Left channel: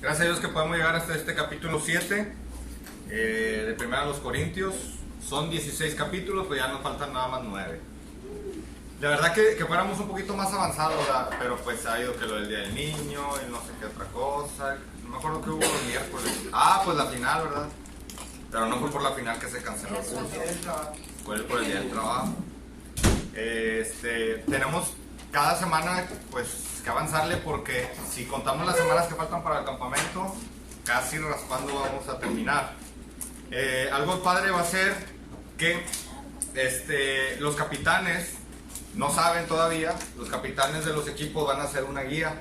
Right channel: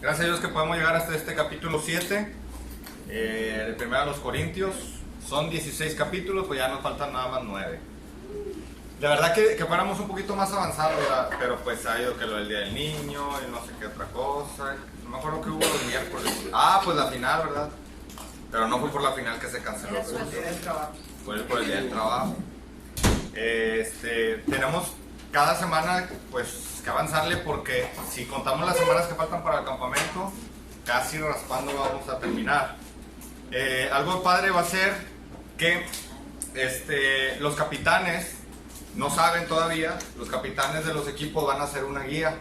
Gracias a Dios que podemos llegar hasta este capítulo 7 de Primera de los Corintios. Son 16 capítulos, pues ya nos faltan nada más 9. La verdad que fuéramos un poquito más avanzados, ¿verdad? Pero pues ha habido que lo del Día del Niño y no sé qué otra cosa. No me acuerdo que hubo los miércoles. Pues la final, ¿verdad? Pero no fue por la final que se canceló el curso. Fue por el Día del Trabajo. Tenemos cada semana pues que avanzarle, porque si contamos las semanas que faltan para el campamento, casi raspando vamos a terminar. Algo padre va a ser que los capitanes no saben todavía, los capitanes de los equipos van a hacer una guía.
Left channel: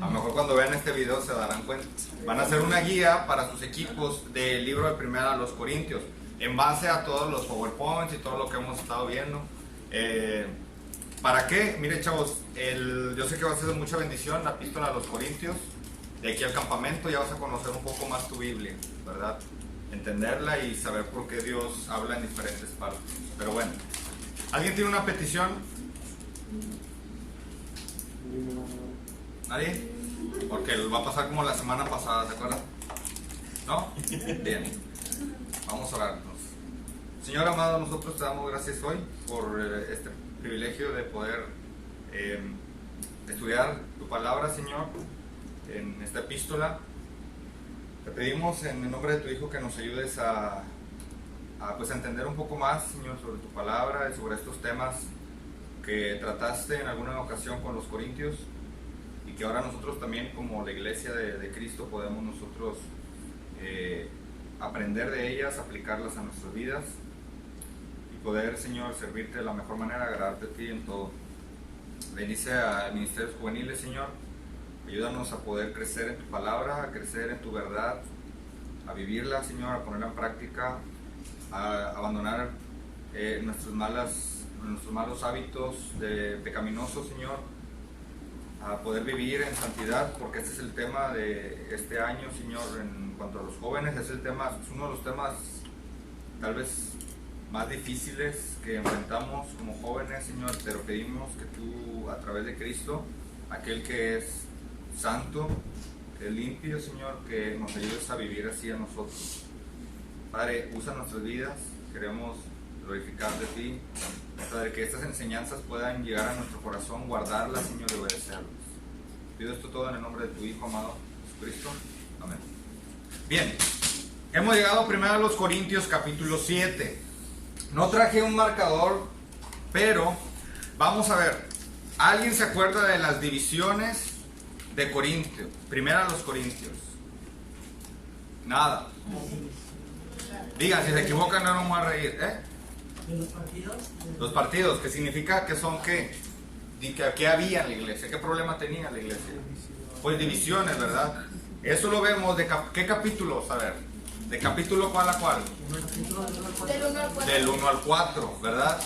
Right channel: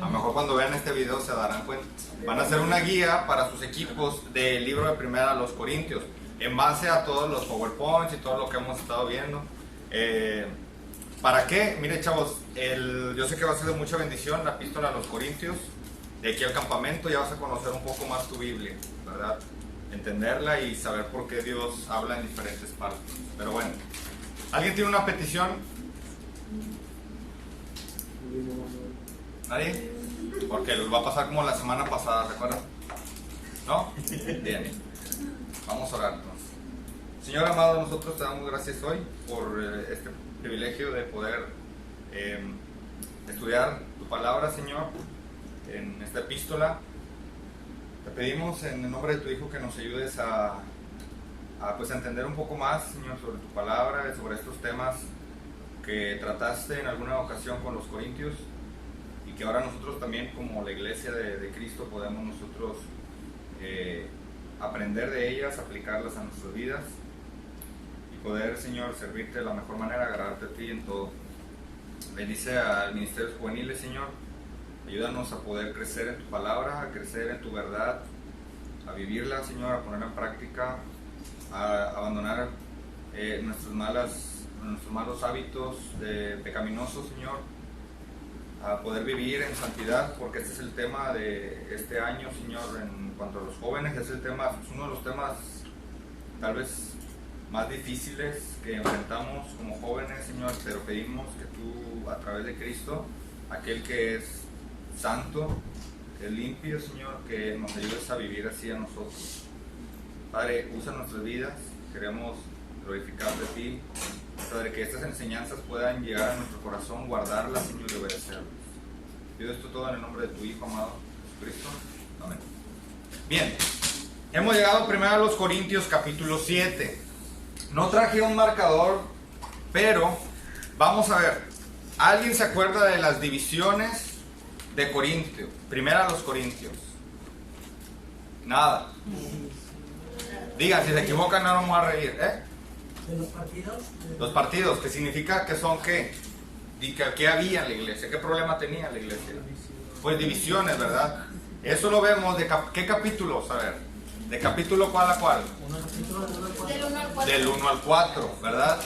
A lo mejor cuando vean este video se darán cuenta. Van a hacer una guía para sus equipos del libro de Primera a los Corintios, en base a todos los PowerPoints y todo lo que hemos estado viendo. ¿Para qué? Mire, chavos, yo sé que va a ser de mucha bendición la epístola a los Corintios. De aquí al campamento ya vas a conocer un poco más tu Biblia, ¿verdad? Entenderla y saber por qué Dios habla en diferentes partes. Pero bueno, ¿alguien tiene una petición? ¿Nadie? Porque va a pasar como la semana pasada, ¿se acuerdan? ¿No? Bien. Vamos a orar entonces. Señor amado, nosotros te damos gracias hoy por este privilegio de poder estudiar tu palabra, Señor, en esta epístola. Te pedimos en el nombre de tu Hijo que nos ayudes a entender un poco más, Señor, sobre tu palabra y sobre estos temas que trataste en alguna ocasión con los corintios, y que ahora nosotros también, como la iglesia de Cristo, podemos nosotros aprender de ellas, aplicarlas a nuestras vidas y poder, Señor, servirte de la mejor manera, agradarte a ti en todo. Bendice a ministerios juveniles, Señor. Ayúdanos a poder crecer en tu palabra, a crecer en tu verdad, a vivirla, Señor, a ponerla en práctica, a abandonar nuestros malos hábitos pecaminosos, Señor, a poder vivir en santidad, porque este es el tema de este año, Señor, en cuanto a los jóvenes. Es uno de los temas tal vez más difíciles que enfrentamos como jóvenes, Señor, pero pedimos que tú, a través de Cristo, aquel que es santo, que es limpio, Señor, que nos ayudes a vivir así a nosotros. Padre, usa nuestras vidas, queremos glorificarte a ti, Padre, que estas enseñanzas puedan llegar a nuestro corazón, guardarlas, Señor, y obedecerlas. Pido esto todo en el nombre de tu Hijo amado, Jesucristo. Amén. Bien, hemos llegado primero a los Corintios capítulo 7. No traje un marcador, pero vamos a ver. ¿Alguien se acuerda de las divisiones de Corintio? Primero a los Corintios. Nada. Digan, si se equivocan no nos vamos a reír, ¿Los partidos? Los partidos, ¿qué significa? ¿Que son qué? ¿Qué había en la iglesia? ¿Qué problema tenía la iglesia? Pues divisiones, ¿verdad? Eso lo vemos de ¿qué capítulos? A ver, ¿de capítulo cuál a cuál? Del 1 al 4, ¿verdad?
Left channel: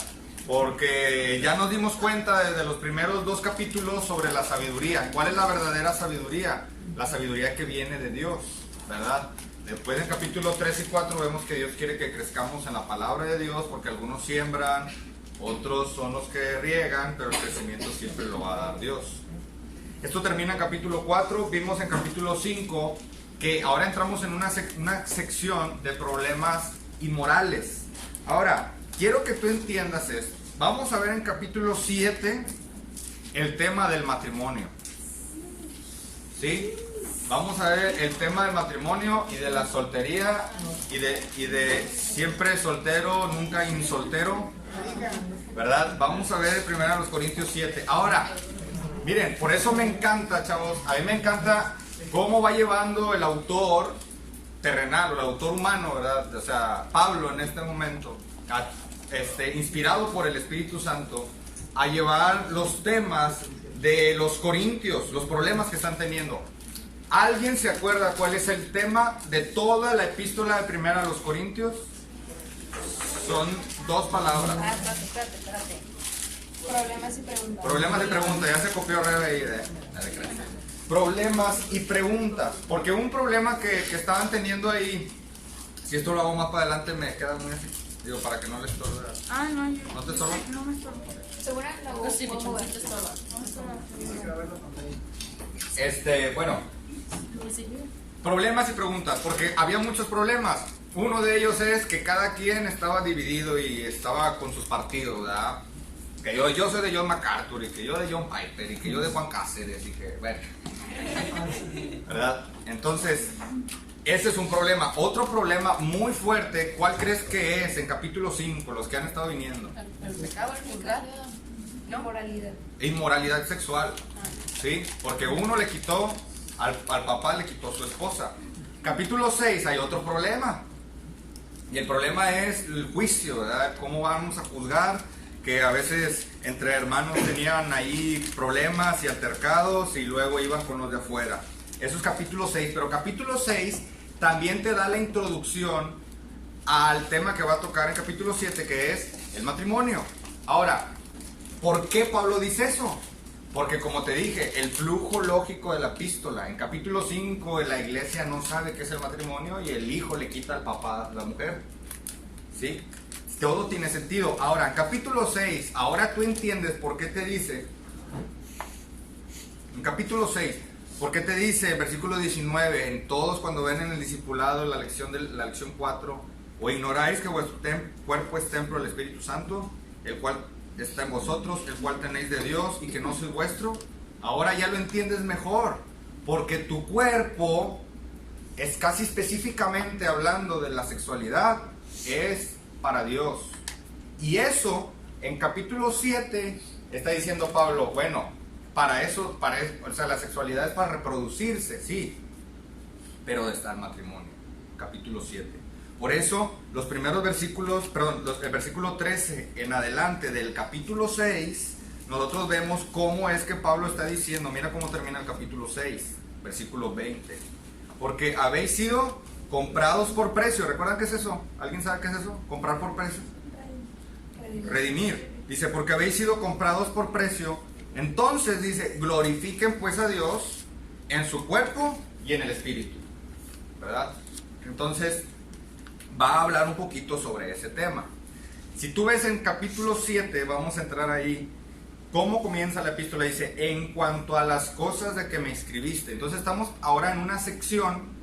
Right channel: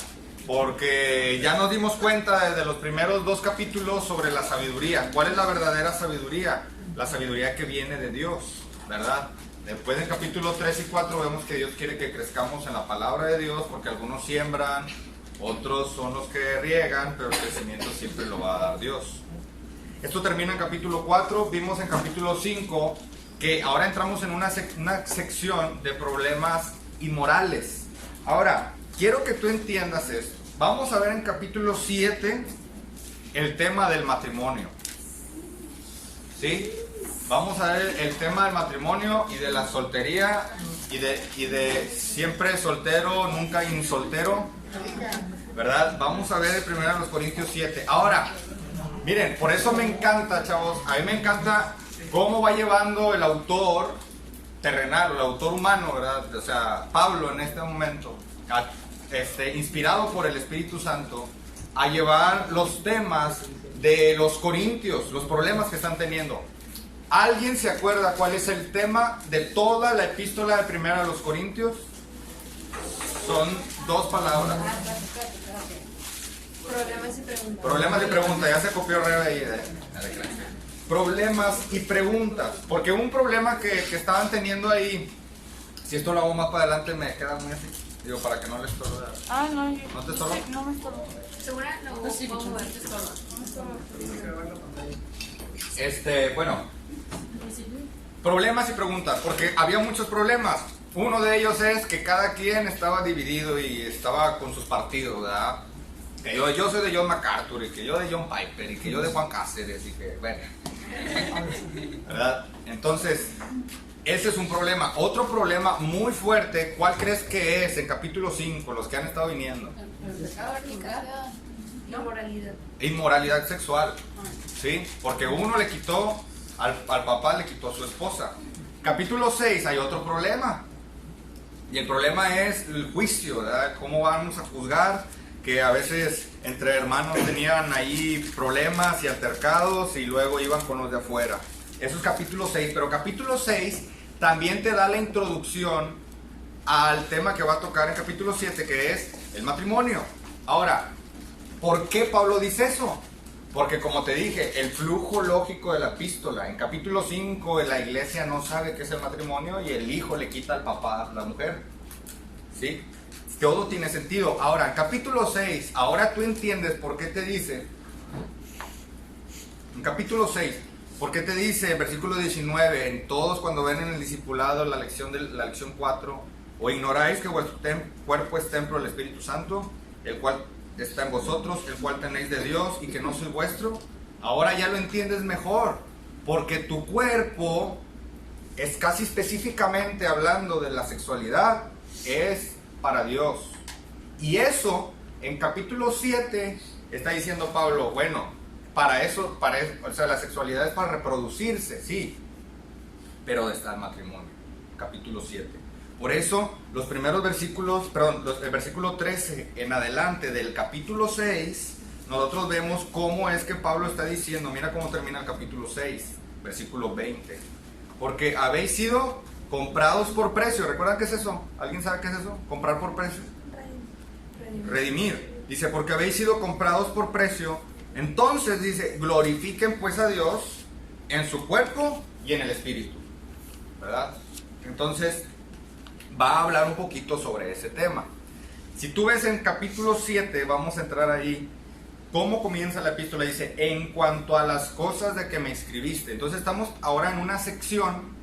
Porque ya nos dimos cuenta desde los primeros 2 capítulos sobre la sabiduría. ¿Cuál es la verdadera sabiduría? La sabiduría que viene de Dios, ¿verdad? Después en capítulos 3 y 4 vemos que Dios quiere que crezcamos en la palabra de Dios, porque algunos siembran, otros son los que riegan, pero el crecimiento siempre lo va a dar Dios. Esto termina en capítulo 4. Vimos en capítulo 5 que ahora entramos en una sección de problemas inmorales. Ahora, quiero que tú entiendas esto. Vamos a ver en capítulo 7 el tema del matrimonio. ¿Sí? Vamos a ver el tema del matrimonio y de la soltería y de siempre soltero, nunca insoltero, ¿verdad? Vamos a ver el primero de los Corintios 7. Ahora, miren, por eso me encanta, chavos, a mí me encanta cómo va llevando el autor terrenal, o el autor humano, ¿verdad? O sea, Pablo en este momento, inspirado por el Espíritu Santo, a llevar los temas de los corintios, los problemas que están teniendo. ¿Alguien se acuerda cuál es el tema de toda la epístola de Primera a los Corintios? Son 2 palabras. Problemas y preguntas. Problemas y preguntas. Ya se copió Rebe ahí. Problemas y preguntas. Porque un problema que estaban teniendo ahí, si esto lo hago más para adelante me queda muy así. Digo, para que no les estorbe. No, yo. ¿No te estorba? No me estorba. ¿Segura? No, sí, puedo mover, te estorba. No me estorba. Bueno, problemas y preguntas, porque había muchos problemas. Uno de ellos es que cada quien estaba dividido y estaba con sus partidos, ¿verdad? Que yo soy de John MacArthur, y que yo de John Piper, y que yo de Juan Cáceres, y que, bueno, ¿verdad? Entonces, ese es un problema. Otro problema muy fuerte, ¿cuál crees que es en capítulo 5, los que han estado viniendo? El pecado, inmoralidad. Inmoralidad sexual, ¿sí? Porque uno le quitó, al papá le quitó su esposa. Capítulo 6 hay otro problema. Y el problema es el juicio, ¿verdad? ¿Cómo vamos a juzgar? Que a veces entre hermanos tenían ahí problemas y altercados y luego iban con los de afuera. Eso es capítulo 6, pero capítulo 6 también te da la introducción al tema que va a tocar en capítulo 7, que es el matrimonio. Ahora, ¿por qué Pablo dice eso? Porque como te dije, el flujo lógico de la epístola, en capítulo 5 la iglesia no sabe qué es el matrimonio y el hijo le quita al papá a la mujer, ¿sí? Todo tiene sentido. Ahora, en capítulo 6, ahora tú entiendes por qué te dice, en capítulo 6, por qué te dice, en versículo 19, en todos cuando ven en el discipulado la lección 4, o ignoráis que vuestro cuerpo es templo del Espíritu Santo, el cual está en vosotros, el cual tenéis de Dios y que no sois vuestro. Ahora ya lo entiendes mejor, porque tu cuerpo es casi específicamente hablando de la sexualidad, es para Dios. Y eso en capítulo 7 está diciendo Pablo, bueno, para eso, o sea, la sexualidad es para reproducirse, sí, pero está el matrimonio, capítulo 7. Por eso los primeros versículos, el versículo 13 en adelante del capítulo 6, nosotros vemos cómo es que Pablo está diciendo, mira cómo termina el capítulo 6, versículo 20, porque habéis sido comprados por precio. ¿Recuerdan qué es eso? ¿Alguien sabe qué es eso? Comprar por precio. Redimir. Dice, porque habéis sido comprados por precio. Entonces dice, glorifiquen pues a Dios en su cuerpo y en el espíritu, ¿verdad? Entonces va a hablar un poquito sobre ese tema. Si tú ves en capítulo 7, vamos a entrar ahí, cómo comienza la epístola. Dice, en cuanto a las cosas de que me escribiste. Entonces estamos ahora en una sección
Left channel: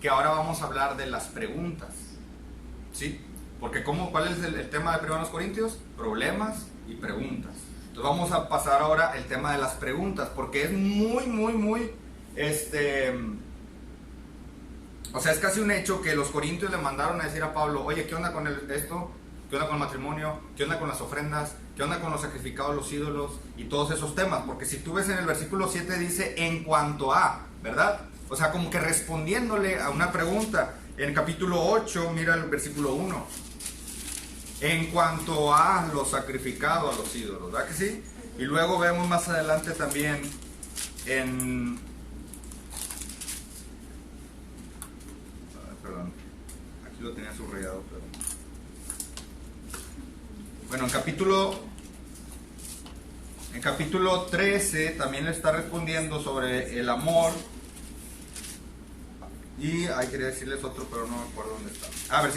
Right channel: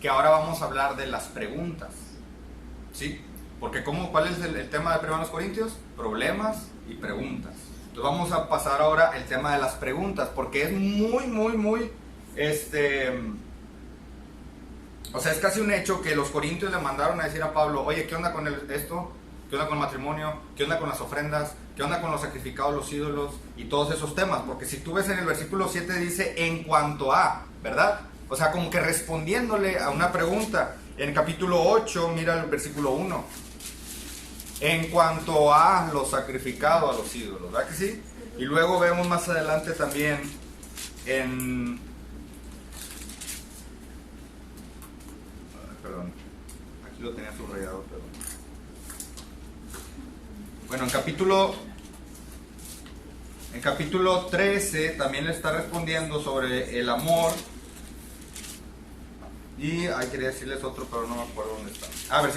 que ahora vamos a hablar de las preguntas, ¿sí? Porque ¿cuál es el tema de 1 Corintios? Problemas y preguntas. Entonces vamos a pasar ahora el tema de las preguntas, porque es muy, o sea, es casi un hecho que los corintios le mandaron a decir a Pablo, oye, ¿qué onda con esto? ¿Qué onda con el matrimonio? ¿Qué onda con las ofrendas? ¿Qué onda con los sacrificados, los ídolos? Y todos esos temas, porque si tú ves en el versículo 7 dice, en cuanto a, ¿verdad? O sea, como que respondiéndole a una pregunta. En el capítulo 8, mira el versículo 1. En cuanto a lo sacrificado a los ídolos, ¿verdad que sí? Y luego vemos más adelante también perdón, aquí lo tenía subrayado, pero... Bueno, en capítulo 13 también le está respondiendo sobre el amor. Y ahí quería decirles otro, pero no me acuerdo dónde está.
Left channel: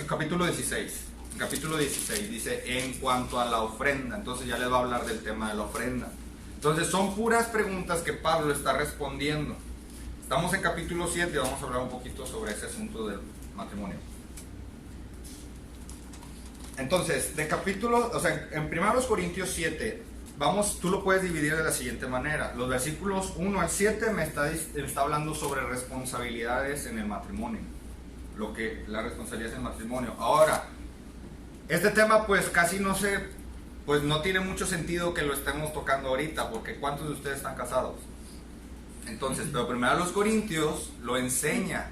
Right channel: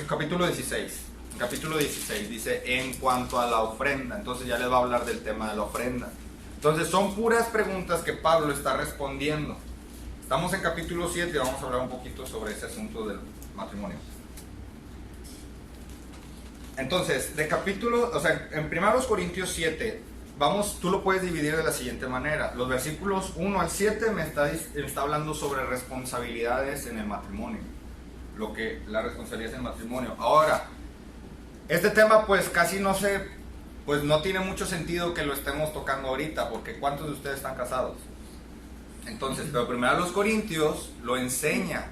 Capítulo 16. En capítulo 16 dice, en cuanto a la ofrenda. Entonces ya les va a hablar del tema de la ofrenda. Entonces son puras preguntas que Pablo está respondiendo. Estamos en capítulo 7 y vamos a hablar un poquito sobre ese asunto del matrimonio. Entonces, en 1 Corintios 7, tú lo puedes dividir de la siguiente manera. Los versículos 1 al 7 me está hablando sobre responsabilidades en el matrimonio. La responsabilidad en el matrimonio. Ahora, este tema pues casi no tiene mucho sentido que lo estemos tocando ahorita, porque ¿cuántos de ustedes están casados? Entonces, pero primero los Corintios lo enseña.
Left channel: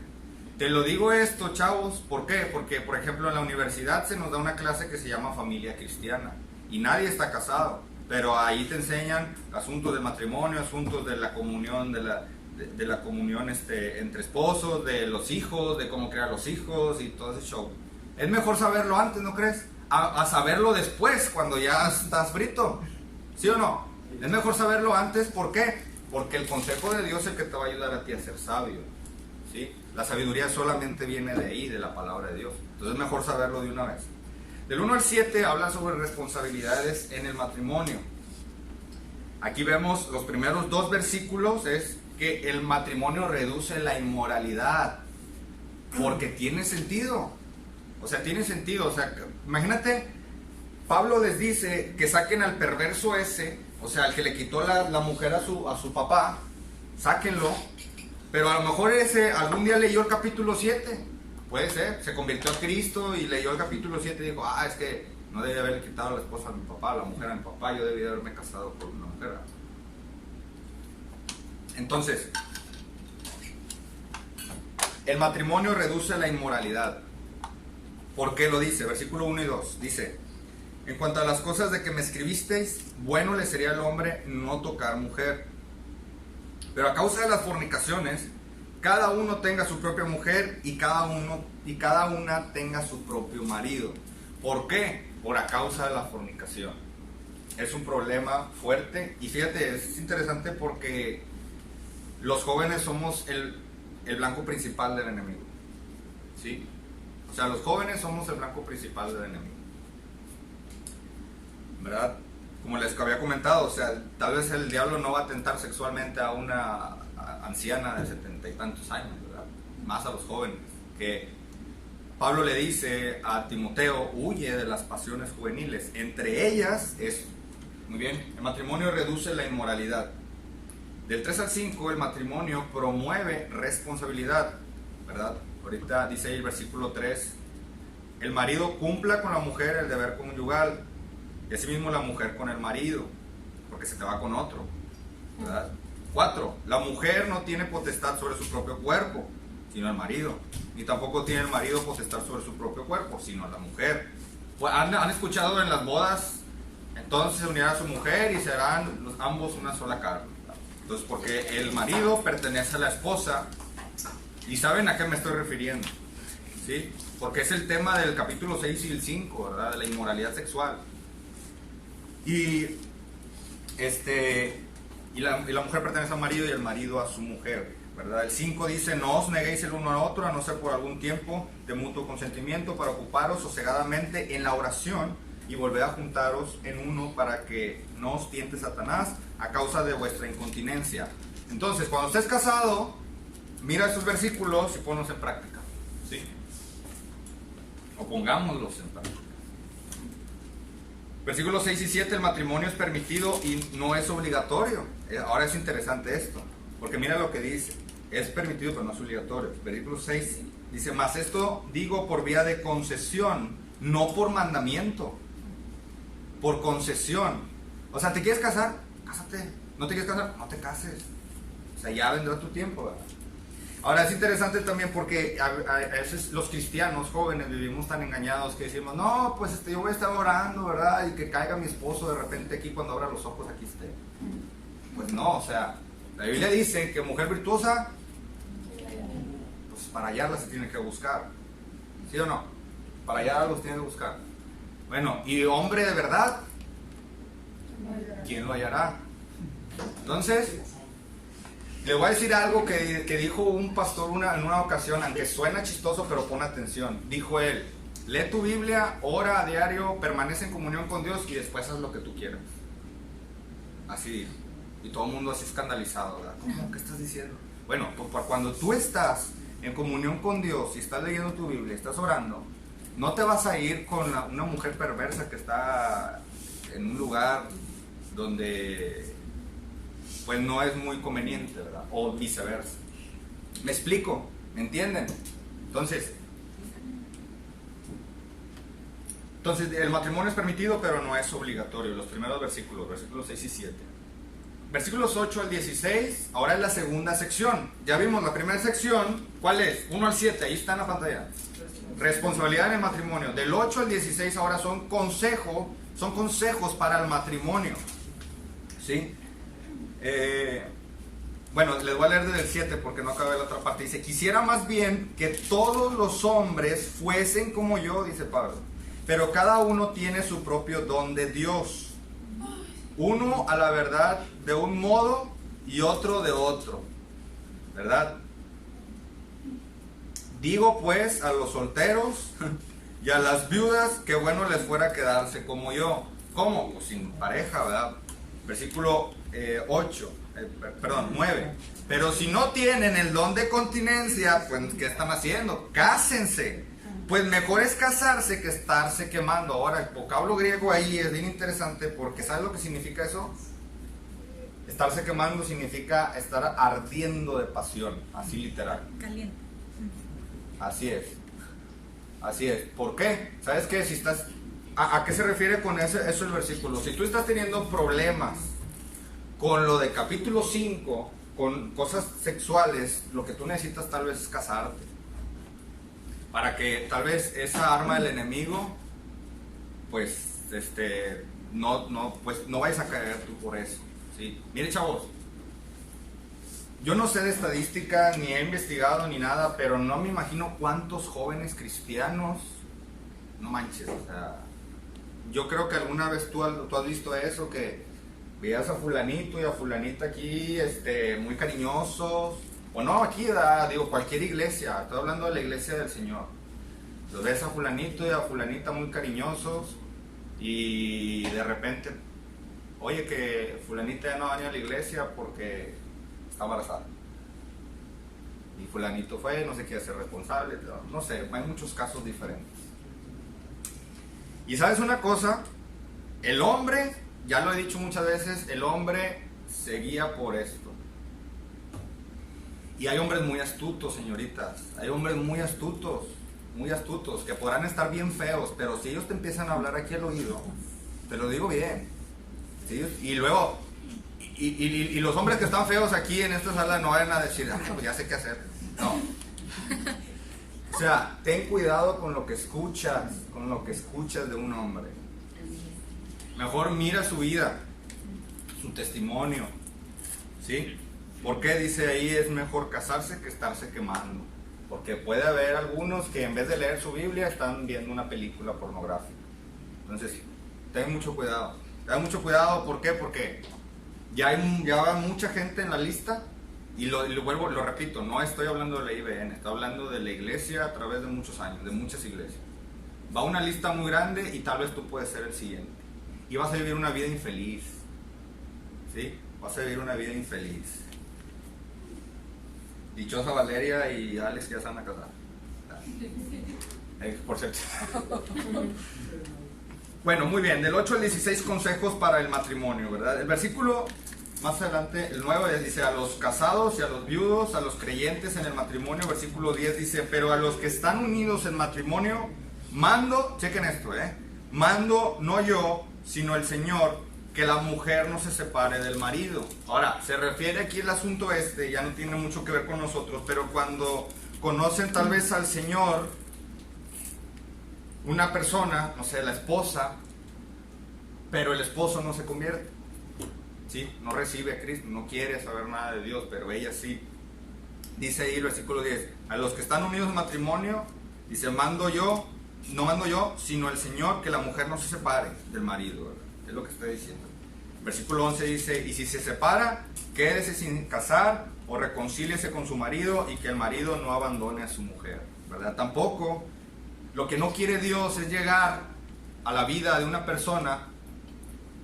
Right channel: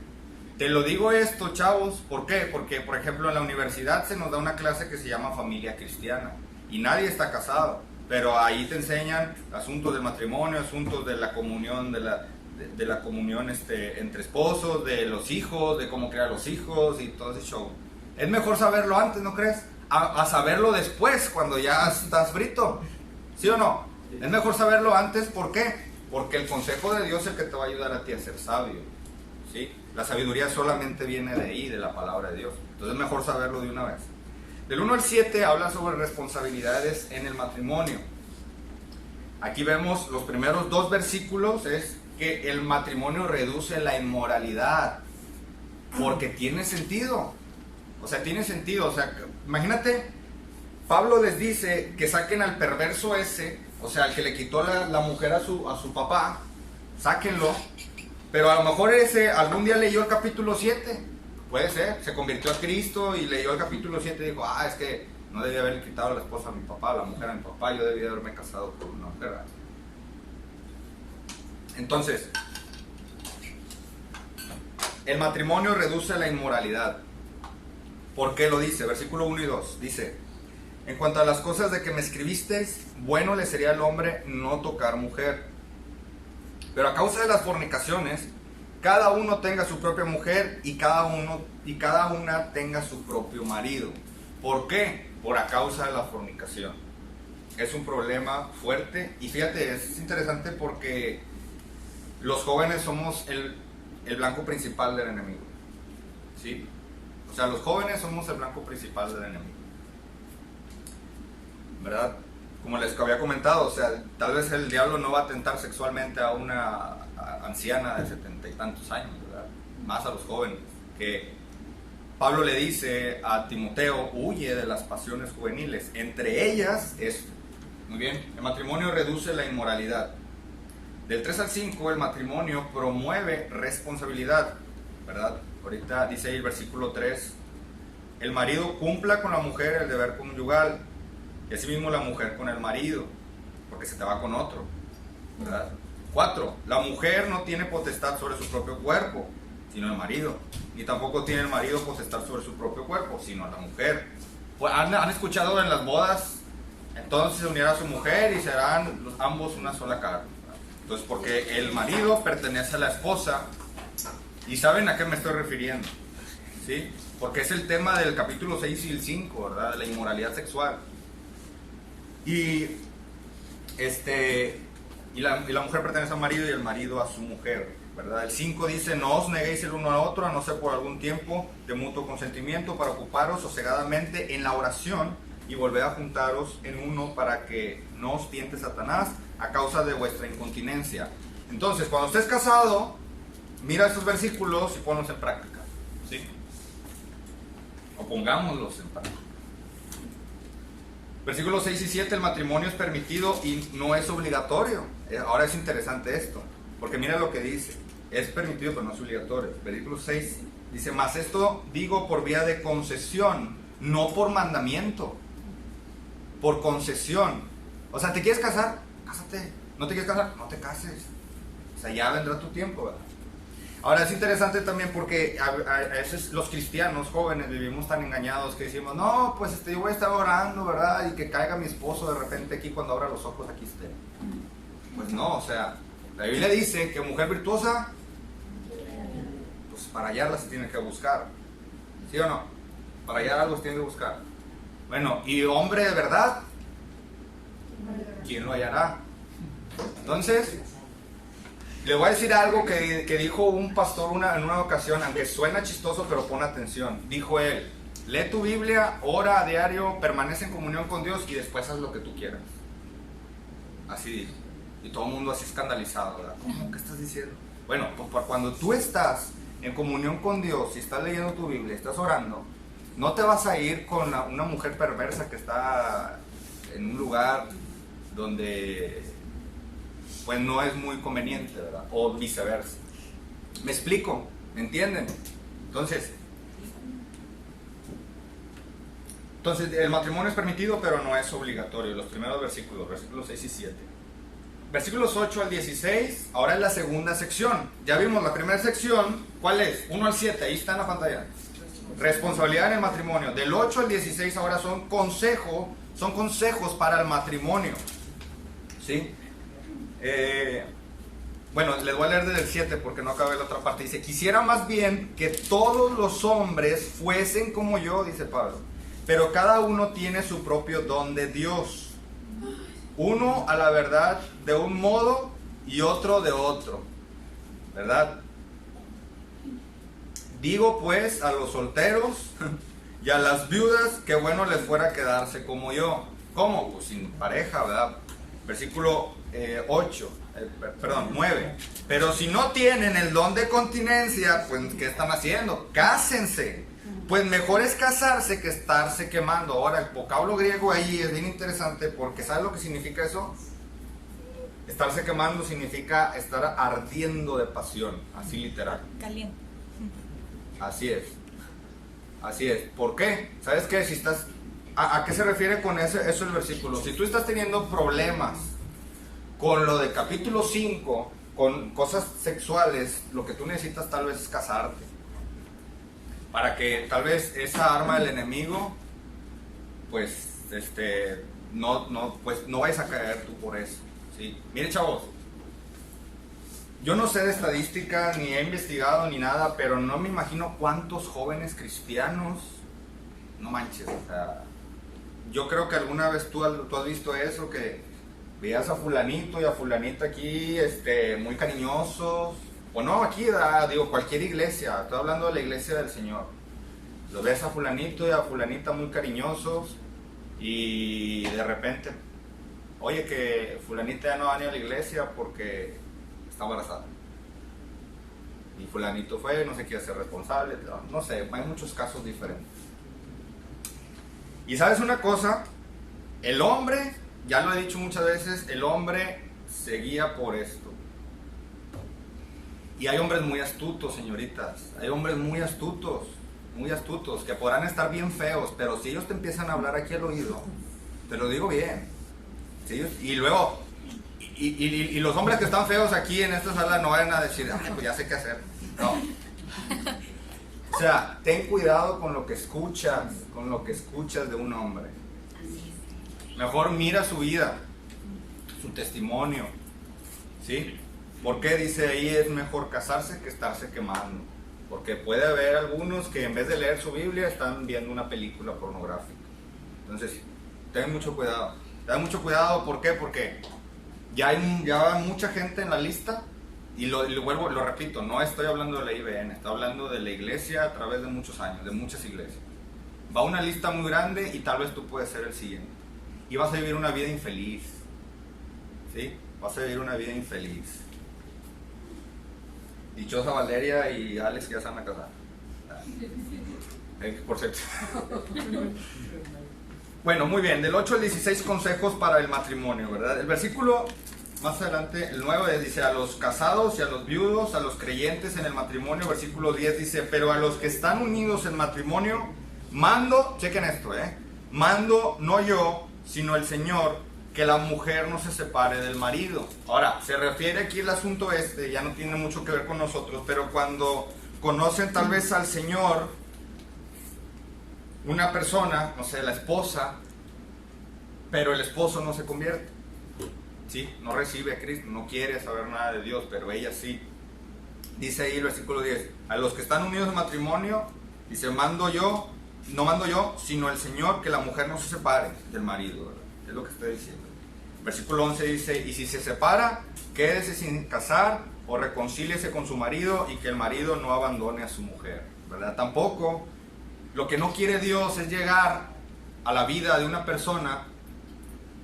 Te lo digo esto, chavos, ¿por qué? Porque, por ejemplo, en la universidad se nos da una clase que se llama familia cristiana y nadie está casado, pero ahí te enseñan asuntos del matrimonio, asuntos de la comunión, de la comunión entre esposos, de los hijos, de cómo crear los hijos y todo ese show. Es mejor saberlo antes, ¿no crees? A saberlo después, cuando ya estás frito, ¿sí o no? Es mejor saberlo antes, ¿por qué? Porque el consejo de Dios es el que te va a ayudar a ti a ser sabio, ¿sí? La sabiduría solamente viene de ahí, de la palabra de Dios. Entonces es mejor saberlo de una vez. Del 1 al 7 habla sobre responsabilidades en el matrimonio. Aquí vemos los primeros 2 versículos, es que el matrimonio reduce la inmoralidad, porque tiene sentido. O sea, tiene sentido. O sea, imagínate, Pablo les dice que saquen al perverso ese, o sea, al que le quitó la mujer a su papá, sáquenlo. Pero a lo mejor ese algún día leyó el capítulo 7, puede ser, se convirtió a Cristo y leyó el capítulo 7 y dijo, es que no debía haberle quitado a la esposa a mi papá, a la mujer a mi papá, yo debía haberme casado con una mujer. Entonces, el matrimonio reduce la inmoralidad. ¿Por qué lo dice? Versículo 1 y 2, dice: en cuanto a las cosas de que me escribisteis, bueno le sería al hombre no tocar mujer. Pero a causa de las fornicaciones, cada uno tenga su propia mujer y cada una tenga su propio marido. ¿Por qué? Por a causa de la fornicación. Es un problema fuerte. Y fíjate, es interesante porque los jóvenes somos el blanco principal del enemigo. ¿Sí? O sea, los jóvenes somos el blanco principal del enemigo, ¿verdad? Como les había comentado, o sea, tal vez el diablo no va a tentar sexualmente a una anciana de 70 y tantos años, ¿verdad? Más a los jóvenes, que Pablo le dice a Timoteo: huye de las pasiones juveniles. Entre ellas es, muy bien, el matrimonio reduce la inmoralidad. Del 3 al 5, el matrimonio promueve responsabilidad, ¿verdad? Ahorita dice ahí el versículo 3: el marido cumpla con la mujer el deber conyugal, y asimismo la mujer con el marido, porque se te va con otro, ¿verdad? 4, la mujer no tiene potestad sobre su propio cuerpo, sino el marido, ni tampoco tiene el marido potestad sobre su propio cuerpo, sino la mujer. Pues, ¿han escuchado en las bodas? Entonces se unirá a su mujer y serán ambos una sola carne, ¿verdad? Entonces, porque el marido pertenece a la esposa, y ¿saben a qué me estoy refiriendo? ¿Sí? Porque es el tema del capítulo 6 y el 5, ¿verdad? De la inmoralidad sexual. Y la mujer pertenece al marido y el marido a su mujer, ¿verdad? El 5 dice: no os neguéis el uno al otro, a no ser por algún tiempo de mutuo consentimiento, para ocuparos sosegadamente en la oración y volver a juntaros en uno, para que no os tiente Satanás a causa de vuestra incontinencia. Entonces, cuando estés casado, mira estos versículos y ponlos en práctica, ¿sí? O pongámoslos en práctica. Versículos 6 y 7, el matrimonio es permitido y no es obligatorio. Ahora es interesante esto, porque mira lo que dice: es permitido pero no es obligatorio. Versículo 6 dice: mas esto digo por vía de concesión, no por mandamiento. Por concesión. O sea, ¿te quieres casar? Cásate. ¿No te quieres casar? No te cases. O sea, ya vendrá tu tiempo, ¿verdad? Ahora es interesante también porque a veces los cristianos jóvenes vivimos tan engañados que decimos: no, pues yo voy a estar orando, ¿verdad? Y que caiga mi esposo de repente aquí, cuando abra los ojos aquí esté. Pues no, o sea, la Biblia dice que mujer virtuosa, pues para hallarla se tiene que buscar. ¿Sí o no? Para hallar algo se tiene que buscar. Bueno, y hombre de verdad, ¿quién lo hallará? Entonces, le voy a decir algo que dijo un pastor en una ocasión, aunque suena chistoso, pero pon atención. Dijo él: lee tu Biblia, ora a diario, permanece en comunión con Dios y después haz lo que tú quieras. Así dijo. Y todo el mundo así escandalizado, ¿verdad? ¿Cómo? ¿Qué estás diciendo? Bueno, pues cuando tú estás en comunión con Dios y estás leyendo tu Biblia, estás orando, no te vas a ir con una mujer perversa que está en un lugar donde pues no es muy conveniente, ¿verdad? O viceversa. ¿Me explico? ¿Me entienden? Entonces el matrimonio es permitido pero no es obligatorio. Los primeros versículos 6 y 7. Versículos 8 al 16, ahora es la segunda sección. Ya vimos la primera sección, ¿cuál es? 1 al 7, ahí está en la pantalla. Responsabilidad en el matrimonio. Del 8 al 16 ahora son consejos para el matrimonio. ¿Sí? Bueno, les voy a leer desde el 7 porque no acabé la otra parte. Dice: quisiera más bien que todos los hombres fuesen como yo, dice Pablo, pero cada uno tiene su propio don de Dios. Uno a la verdad de un modo y otro de otro, ¿verdad? Digo pues a los solteros y a las viudas que bueno les fuera quedarse como yo. ¿Cómo? Pues sin pareja, ¿verdad? Versículo 8. perdón, 9. Pero si no tienen el don de continencia, pues ¿qué están haciendo? Cásense. Pues mejor es casarse que estarse quemando. Ahora, el vocablo griego ahí es bien interesante porque ¿sabes lo que significa eso? Estarse quemando significa estar ardiendo de pasión, así literal. Caliente. Así es. Así es. ¿Por qué? ¿Sabes qué? Si estás... ¿A qué se refiere con eso el versículo? Si tú estás teniendo problemas con lo de capítulo 5, con cosas sexuales, lo que tú necesitas tal vez es casarte. Para que tal vez esa arma del enemigo, pues, no vayas a caer tú por eso, ¿sí? Mire, chavos, yo no sé de estadística, ni he investigado, ni nada, pero no me imagino cuántos jóvenes cristianos, no manches, o sea, yo creo que alguna vez tú has visto eso, que veías a fulanito y a fulanita aquí, muy cariñosos, o no, aquí, digo, cualquier iglesia, estoy hablando de la iglesia del Señor. Los ves a fulanito y a fulanita muy cariñosos y de repente, oye, que fulanita ya no va a venir a la iglesia porque está embarazada. Y fulanito fue, no se quiere ser responsable, no sé, hay muchos casos diferentes. Y sabes una cosa, el hombre, ya lo he dicho muchas veces, el hombre se guía por esto. Y hay hombres muy astutos, señoritas, hay hombres muy astutos, que podrán estar bien feos, pero si ellos te empiezan a hablar aquí al oído, te lo digo bien, ¿sí? Y luego, y los hombres que están feos aquí en esta sala no vayan a decir, ay, pues ya sé qué hacer, no. O sea, ten cuidado con lo que escuchas de un hombre. Mejor mira su vida, su testimonio, ¿sí? ¿Por qué dice ahí es mejor casarse que estarse quemando? Porque puede haber algunos que en vez de leer su Biblia están viendo una película pornográfica. Entonces, ten mucho cuidado. ¿Por qué? Porque ya hay mucha gente en la lista. Y lo repito, no estoy hablando de la IBN, estoy hablando de la iglesia a través de muchos años, de muchas iglesias. Va una lista muy grande y tal vez tú puedes ser el siguiente. Y vas a vivir una vida infeliz. ¿Sí? Vas a vivir una vida infeliz. Dichosa Valeria y Alex que ya se van a casar. Por cierto. Bueno, muy bien, del 8 al 16 consejos para el matrimonio, ¿verdad? El versículo más adelante, el 9 dice, a los casados y a los viudos, a los creyentes en el matrimonio. Versículo 10 dice, pero a los que están unidos en matrimonio, mando, chequen esto, mando no yo, sino el Señor, que la mujer no se separe del marido. Ahora, se refiere aquí el asunto ya no tiene mucho que ver con nosotros, pero cuando conocen tal vez al Señor, una persona, no sé, la esposa, pero el esposo no se convierte, ¿sí? No recibe a Cristo, no quiere saber nada de Dios, pero ella sí. Dice ahí el versículo 10, a los que están unidos en matrimonio, dice, no mando yo, sino el Señor, que la mujer no se separe del marido, ¿verdad? Es lo que estoy diciendo. Versículo 11 dice, y si se separa, quédese sin casar o reconcíliese con su marido y que el marido no abandone a su mujer, ¿verdad? Tampoco, lo que no quiere Dios es llegar a la vida de una persona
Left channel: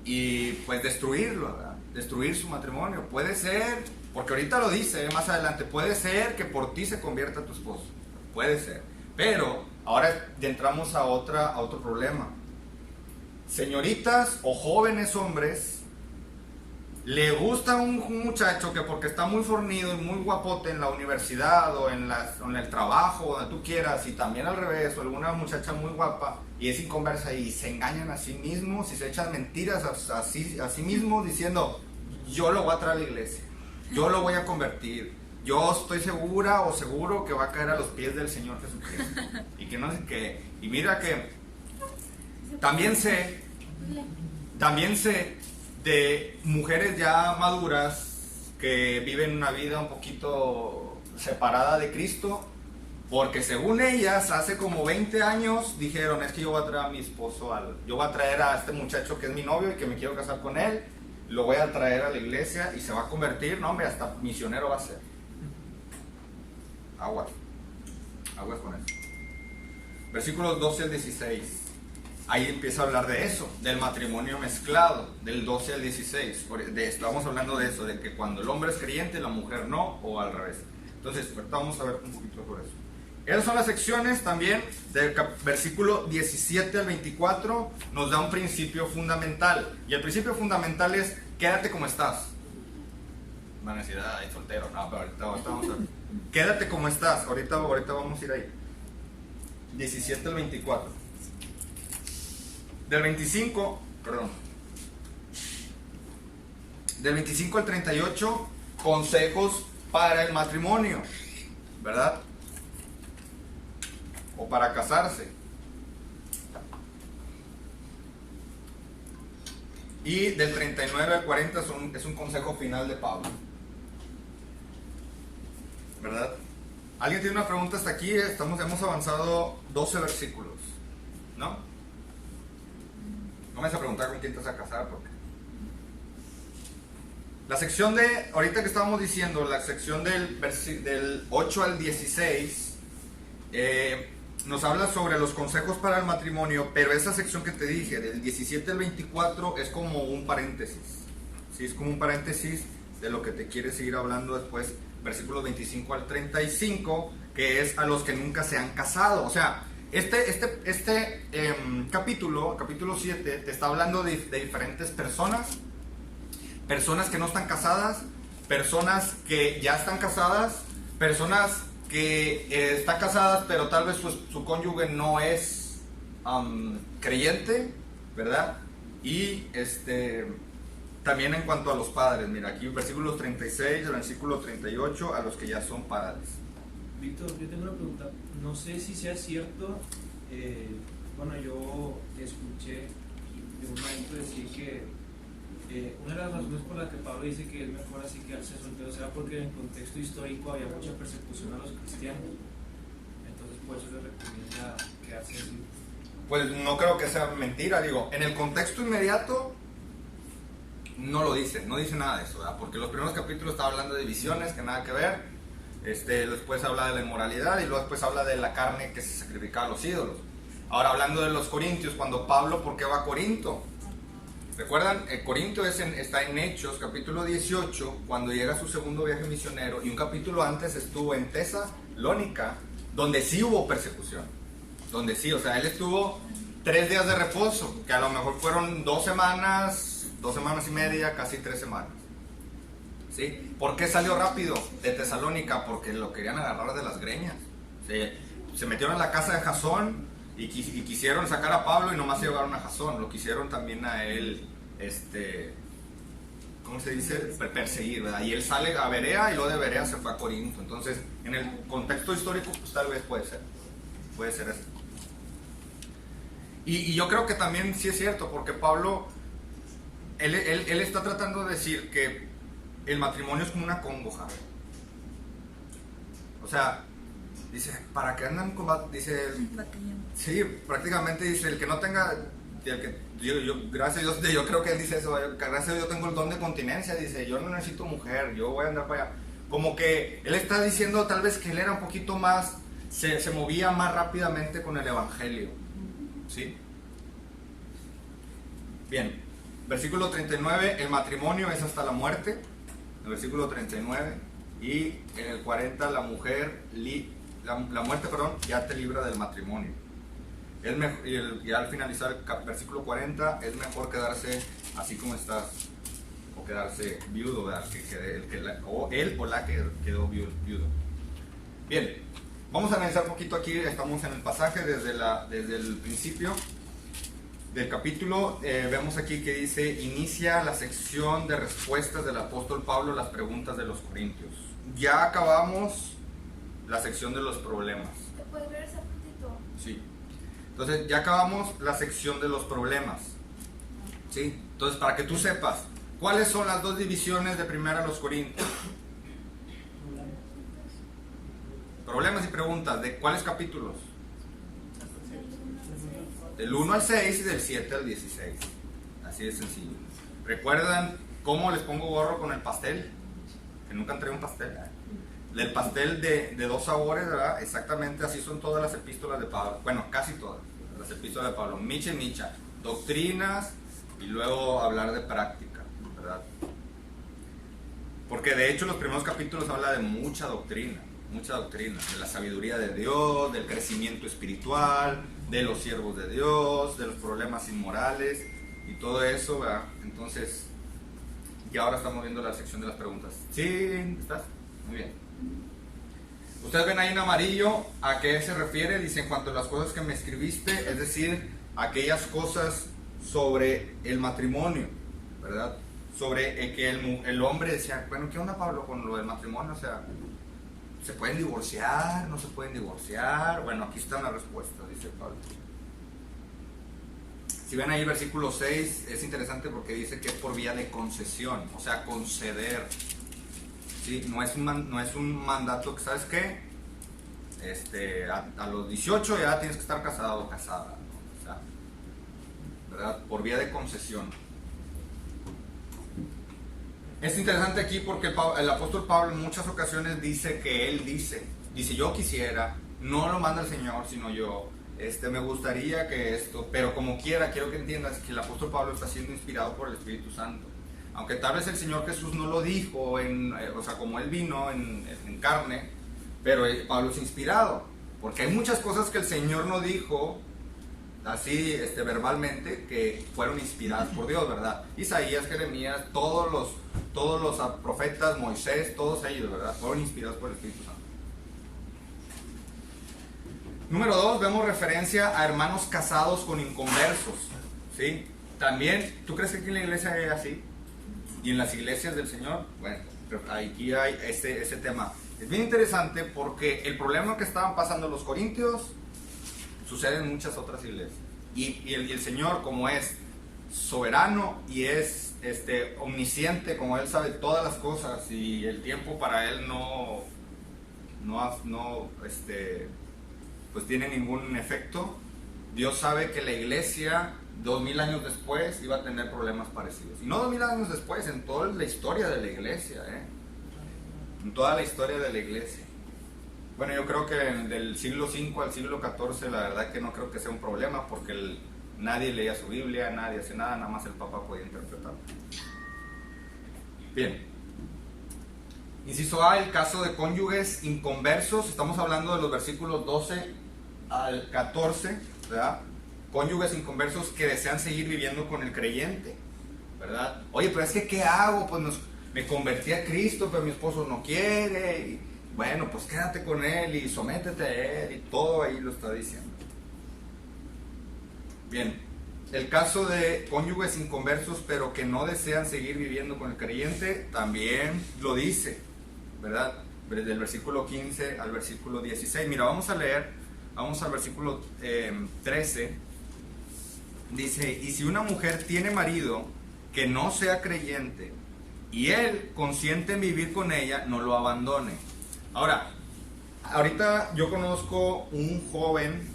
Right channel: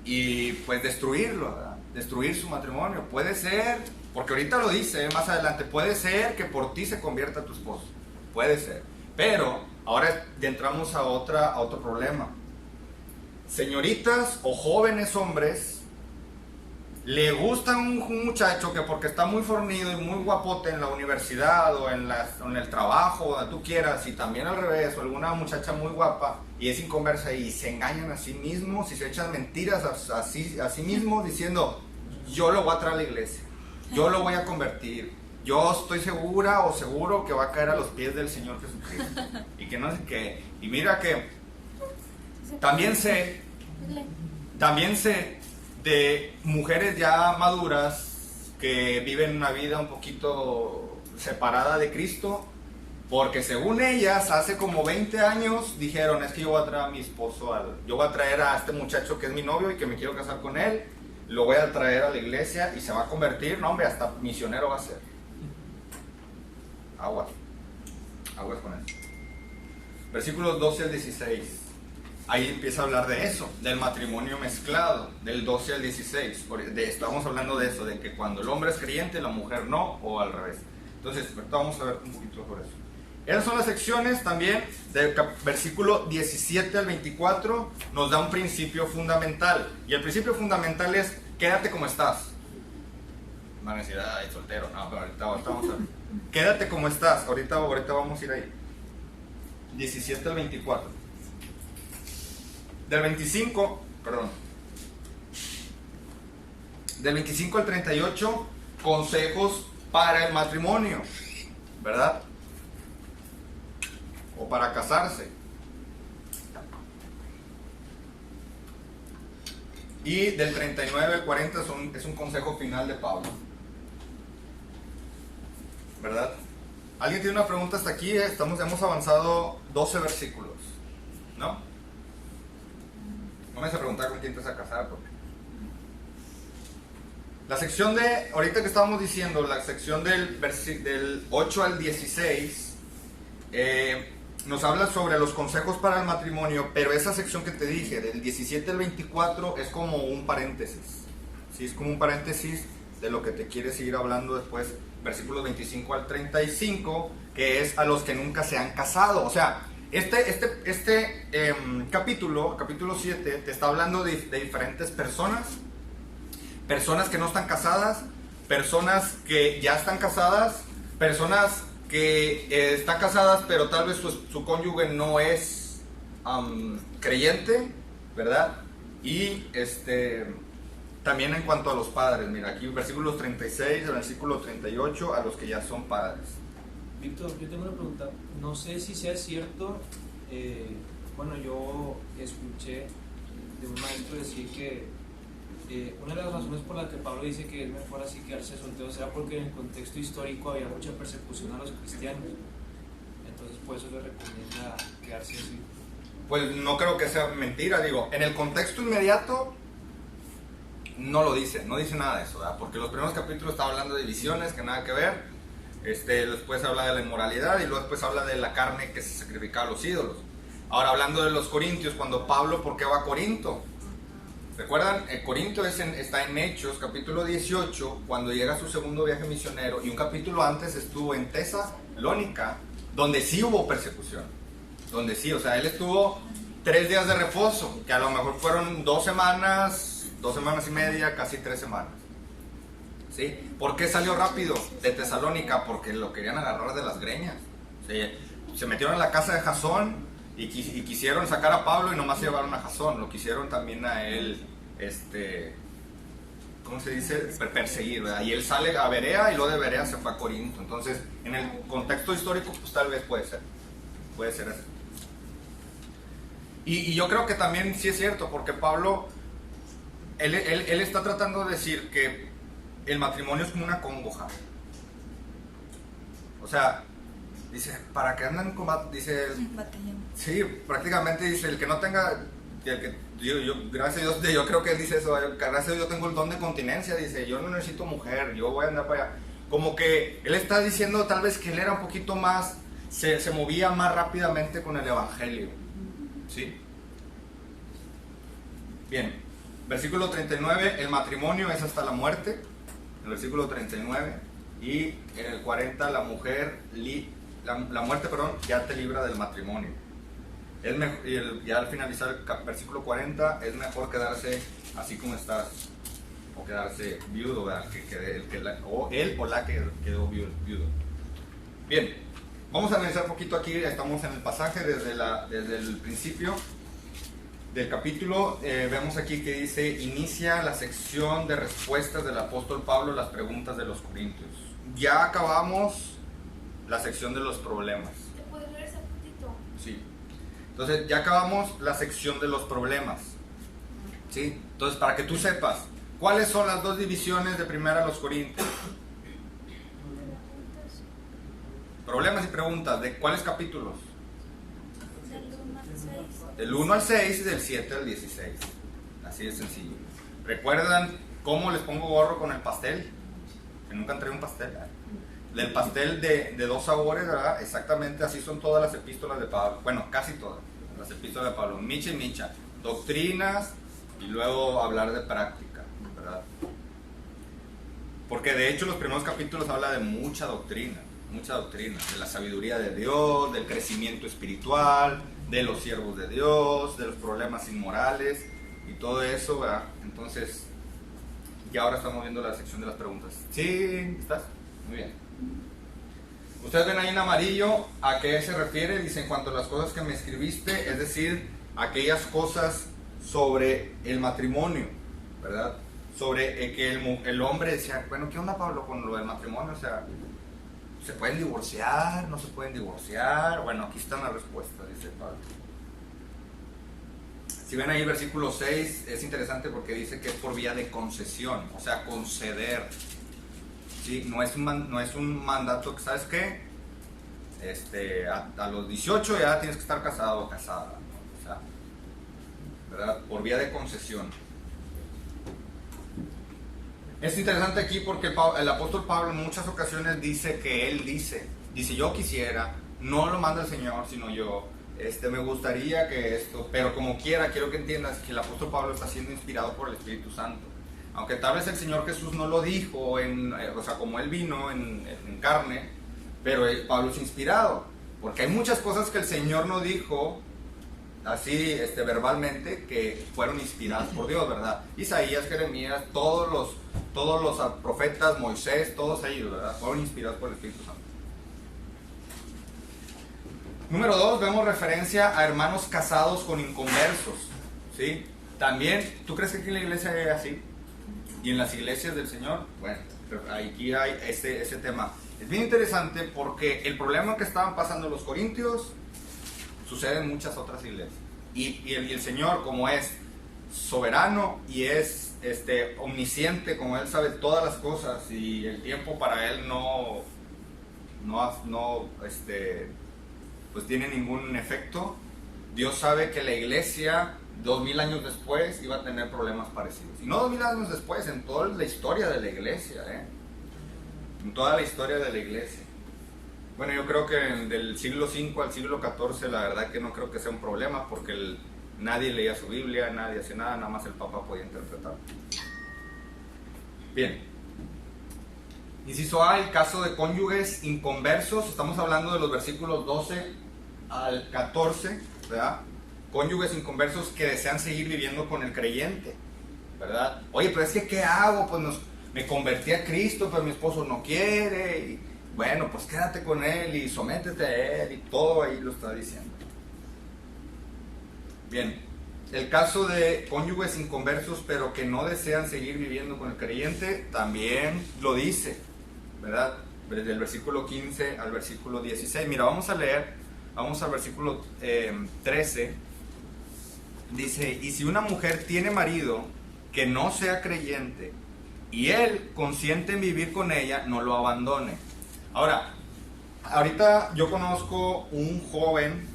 y pues destruirlo, ¿verdad? Destruir su matrimonio. Puede ser, porque ahorita lo dice más adelante, puede ser que por ti se convierta tu esposo, puede ser, pero ahora entramos a otro problema. Señoritas o jóvenes hombres, le gusta un muchacho que porque está muy fornido y muy guapote en la universidad o en el trabajo, donde tú quieras, y también al revés, o alguna muchacha muy guapa y es inconversa y se engañan a sí mismos y se echan mentiras a sí mismos diciendo, yo lo voy a traer a la iglesia, yo lo voy a convertir, yo estoy segura o seguro que va a caer a los pies del Señor Jesucristo. Y que no sé qué. Y mira que también sé de mujeres ya maduras que viven una vida un poquito separada de Cristo, porque según ellas hace como 20 años dijeron, es que yo voy a traer a mi esposo, yo voy a traer a este muchacho que es mi novio y que me quiero casar con él, lo voy a traer a la iglesia y se va a convertir, no hombre, hasta misionero va a ser. Aguas con eso. Versículos 12 al 16. ahí empieza a hablar de eso, del matrimonio mezclado, del 12 al 16. Estamos hablando de eso, de que cuando el hombre es creyente, la mujer no, o al revés. Entonces, ahorita vamos a ver un poquito sobre eso. Esas son las secciones también, del versículo 17 al 24, nos da un principio fundamental. Y el principio fundamental es, quédate como estás. Van a decir, ay, soltero. No, pero ahorita vamos a ver. Quédate como estás, ahorita vamos a ir ahí. 17 al 24. Del 25 al 38, consejos para el matrimonio, ¿verdad? O para casarse. Y del 39 al 40 es un consejo final de Pablo, ¿verdad? ¿Alguien tiene una pregunta hasta aquí? Hemos avanzado 12 versículos, ¿no? No me vas a preguntar con quién te vas a casar, porque la sección de, ahorita que estábamos diciendo, la sección del 8 al 16, nos habla sobre los consejos para el matrimonio, pero esa sección que te dije, del 17 al 24, es como un paréntesis, ¿sí? Es como un paréntesis de lo que te quiere seguir hablando después, versículos 25 al 35, que es a los que nunca se han casado. O sea, este capítulo 7, te está hablando de diferentes personas que no están casadas, personas que ya están casadas, personas que están casadas pero tal vez su cónyuge no es creyente, ¿verdad? Y también en cuanto a los padres, mira, aquí versículos 36 al versículo 38, a los que ya son padres. Víctor, yo tengo una pregunta, no sé si sea cierto, bueno, yo escuché de un maestro decir que una de las razones por las que Pablo dice que es mejor así quedarse soltero será porque en el contexto histórico había mucha persecución a los cristianos, entonces por eso le recomienda quedarse así. Pues no creo que sea mentira, digo, en el contexto inmediato no lo dice, no dice nada de eso, ¿verdad? Porque los primeros capítulos está hablando de visiones que nada que ver, después habla de la inmoralidad y luego después habla de la carne que se sacrificaba a los ídolos. Ahora hablando de los corintios, cuando Pablo, ¿por qué va a Corinto? ¿Recuerdan? Corinto está en Hechos, capítulo 18, cuando llega a su segundo viaje misionero, y un capítulo antes estuvo en Tesalónica, donde sí hubo persecución, donde sí, o sea, él estuvo 3 días de reposo, que a lo mejor fueron 2 semanas y media, casi 3 semanas. ¿Sí? ¿Por qué salió rápido de Tesalónica? Porque lo querían agarrar de las greñas. Se metieron en la casa de Jasón y quisieron sacar a Pablo y nomás se llevaron a Jasón. Lo quisieron también a él, ¿cómo se dice? Perseguir, ¿verdad? Y él sale a Berea y luego de Berea se fue a Corinto. Entonces, en el contexto histórico, pues tal vez puede ser eso. Y yo creo que también sí es cierto, porque Pablo, él está tratando de decir que el matrimonio es como una congoja. O sea, dice, ¿para qué andan con dice, sí, prácticamente dice, el que no tenga, gracias a Dios, yo creo que él dice eso, gracias a Dios yo tengo el don de continencia, dice, yo no necesito mujer, yo voy a andar para allá. Como que él está diciendo tal vez que él era un poquito más, se movía más rápidamente con el evangelio. ¿Sí? Bien, versículo 39, el matrimonio es hasta la muerte. El versículo 39, y en el 40 la muerte, ya te libra del matrimonio. Ya al finalizar el versículo 40, es mejor quedarse así como estás, o quedarse viudo, ¿verdad? O él o la que quedó viudo. Bien, vamos a analizar un poquito aquí, estamos en el pasaje desde el principio del capítulo. Vemos aquí que dice, inicia la sección de respuestas del apóstol Pablo a las preguntas de los corintios. Ya acabamos la sección de los problemas. ¿Te puedes ver ese puntito? Sí. Entonces ya acabamos la sección de los problemas. ¿Sí? Entonces, para que tú sepas, ¿cuáles son las 2 divisiones de primera a los corintios? Problemas y preguntas. ¿De cuáles capítulos? Del 1 al 6 y del 7 al 16. Así de sencillo. ¿Recuerdan cómo les pongo gorro con el pastel? Que nunca entré un pastel, ¿verdad? Del pastel de 2 sabores, ¿verdad? Exactamente así son todas las epístolas de Pablo. Bueno, casi todas, las epístolas de Pablo, micha y micha, doctrinas y luego hablar de práctica, ¿verdad? Porque de hecho los primeros capítulos habla de mucha doctrina, de la sabiduría de Dios, del crecimiento espiritual, de los siervos de Dios, de los problemas inmorales y todo eso, ¿verdad? Entonces, y ahora estamos viendo la sección de las preguntas. ¿Sí? ¿Estás? Muy bien. Ustedes ven ahí en amarillo a qué se refiere. Dice, en cuanto a las cosas que me escribiste, es decir, aquellas cosas sobre el matrimonio, ¿verdad? Sobre que el hombre decía, bueno, ¿qué onda, Pablo, con lo del matrimonio? O sea, ¿se pueden divorciar? ¿No se pueden divorciar? Bueno, aquí están las respuestas, dice Pablo. Si ven ahí el versículo 6, es interesante porque dice que es por vía de concesión, o sea, conceder. ¿Sí? No es un mandato que, ¿sabes qué? A los 18 ya tienes que estar casado o casada, ¿no? O sea, ¿verdad? Por vía de concesión. Es interesante aquí porque el apóstol Pablo en muchas ocasiones dice que él dice, yo quisiera, no lo manda el Señor, sino yo. Me gustaría que esto, pero como quiera, quiero que entiendas que el apóstol Pablo está siendo inspirado por el Espíritu Santo. Aunque tal vez el Señor Jesús no lo dijo, o sea, como Él vino en carne, pero Pablo es inspirado. Porque hay muchas cosas que el Señor no dijo, así verbalmente, que fueron inspiradas por Dios, ¿verdad? Isaías, Jeremías, todos los profetas, Moisés, todos ellos, ¿verdad? Fueron inspirados por el Espíritu Santo. Número 2, vemos referencia a hermanos casados con inconversos, ¿sí? También, ¿tú crees que aquí en la iglesia es así? ¿Y en las iglesias del Señor? Bueno, aquí hay ese tema. Es bien interesante porque el problema que estaban pasando los corintios sucede en muchas otras iglesias. Y el Señor, como es soberano y es omnisciente, como Él sabe todas las cosas y el tiempo para Él pues tiene ningún efecto. Dios sabe que la iglesia 2000 años después iba a tener problemas parecidos, y no 2000 años después, en toda la historia de la iglesia, en toda la historia de la iglesia. Bueno, yo creo que del siglo V al siglo XIV la verdad que no creo que sea un problema, porque nadie leía su Biblia, nadie hacía nada, nada más el Papa podía interpretar. Bien. Inciso A, el caso de cónyuges inconversos. Estamos hablando de los versículos 12 al 14, ¿verdad? Cónyuges inconversos que desean seguir viviendo con el creyente, ¿verdad? Oye, pero es que ¿qué hago? Pues me convertí a Cristo, pero mi esposo no quiere. Y, bueno, pues quédate con él y sométete a él, y todo ahí lo está diciendo. Bien, el caso de cónyuges inconversos pero que no desean seguir viviendo con el creyente también lo dice, ¿verdad? Desde el versículo 15 al versículo 16. Mira, vamos al versículo 13. Dice, y si una mujer tiene marido que no sea creyente y él consiente en vivir con ella, no lo abandone. Ahora, ahorita yo conozco un joven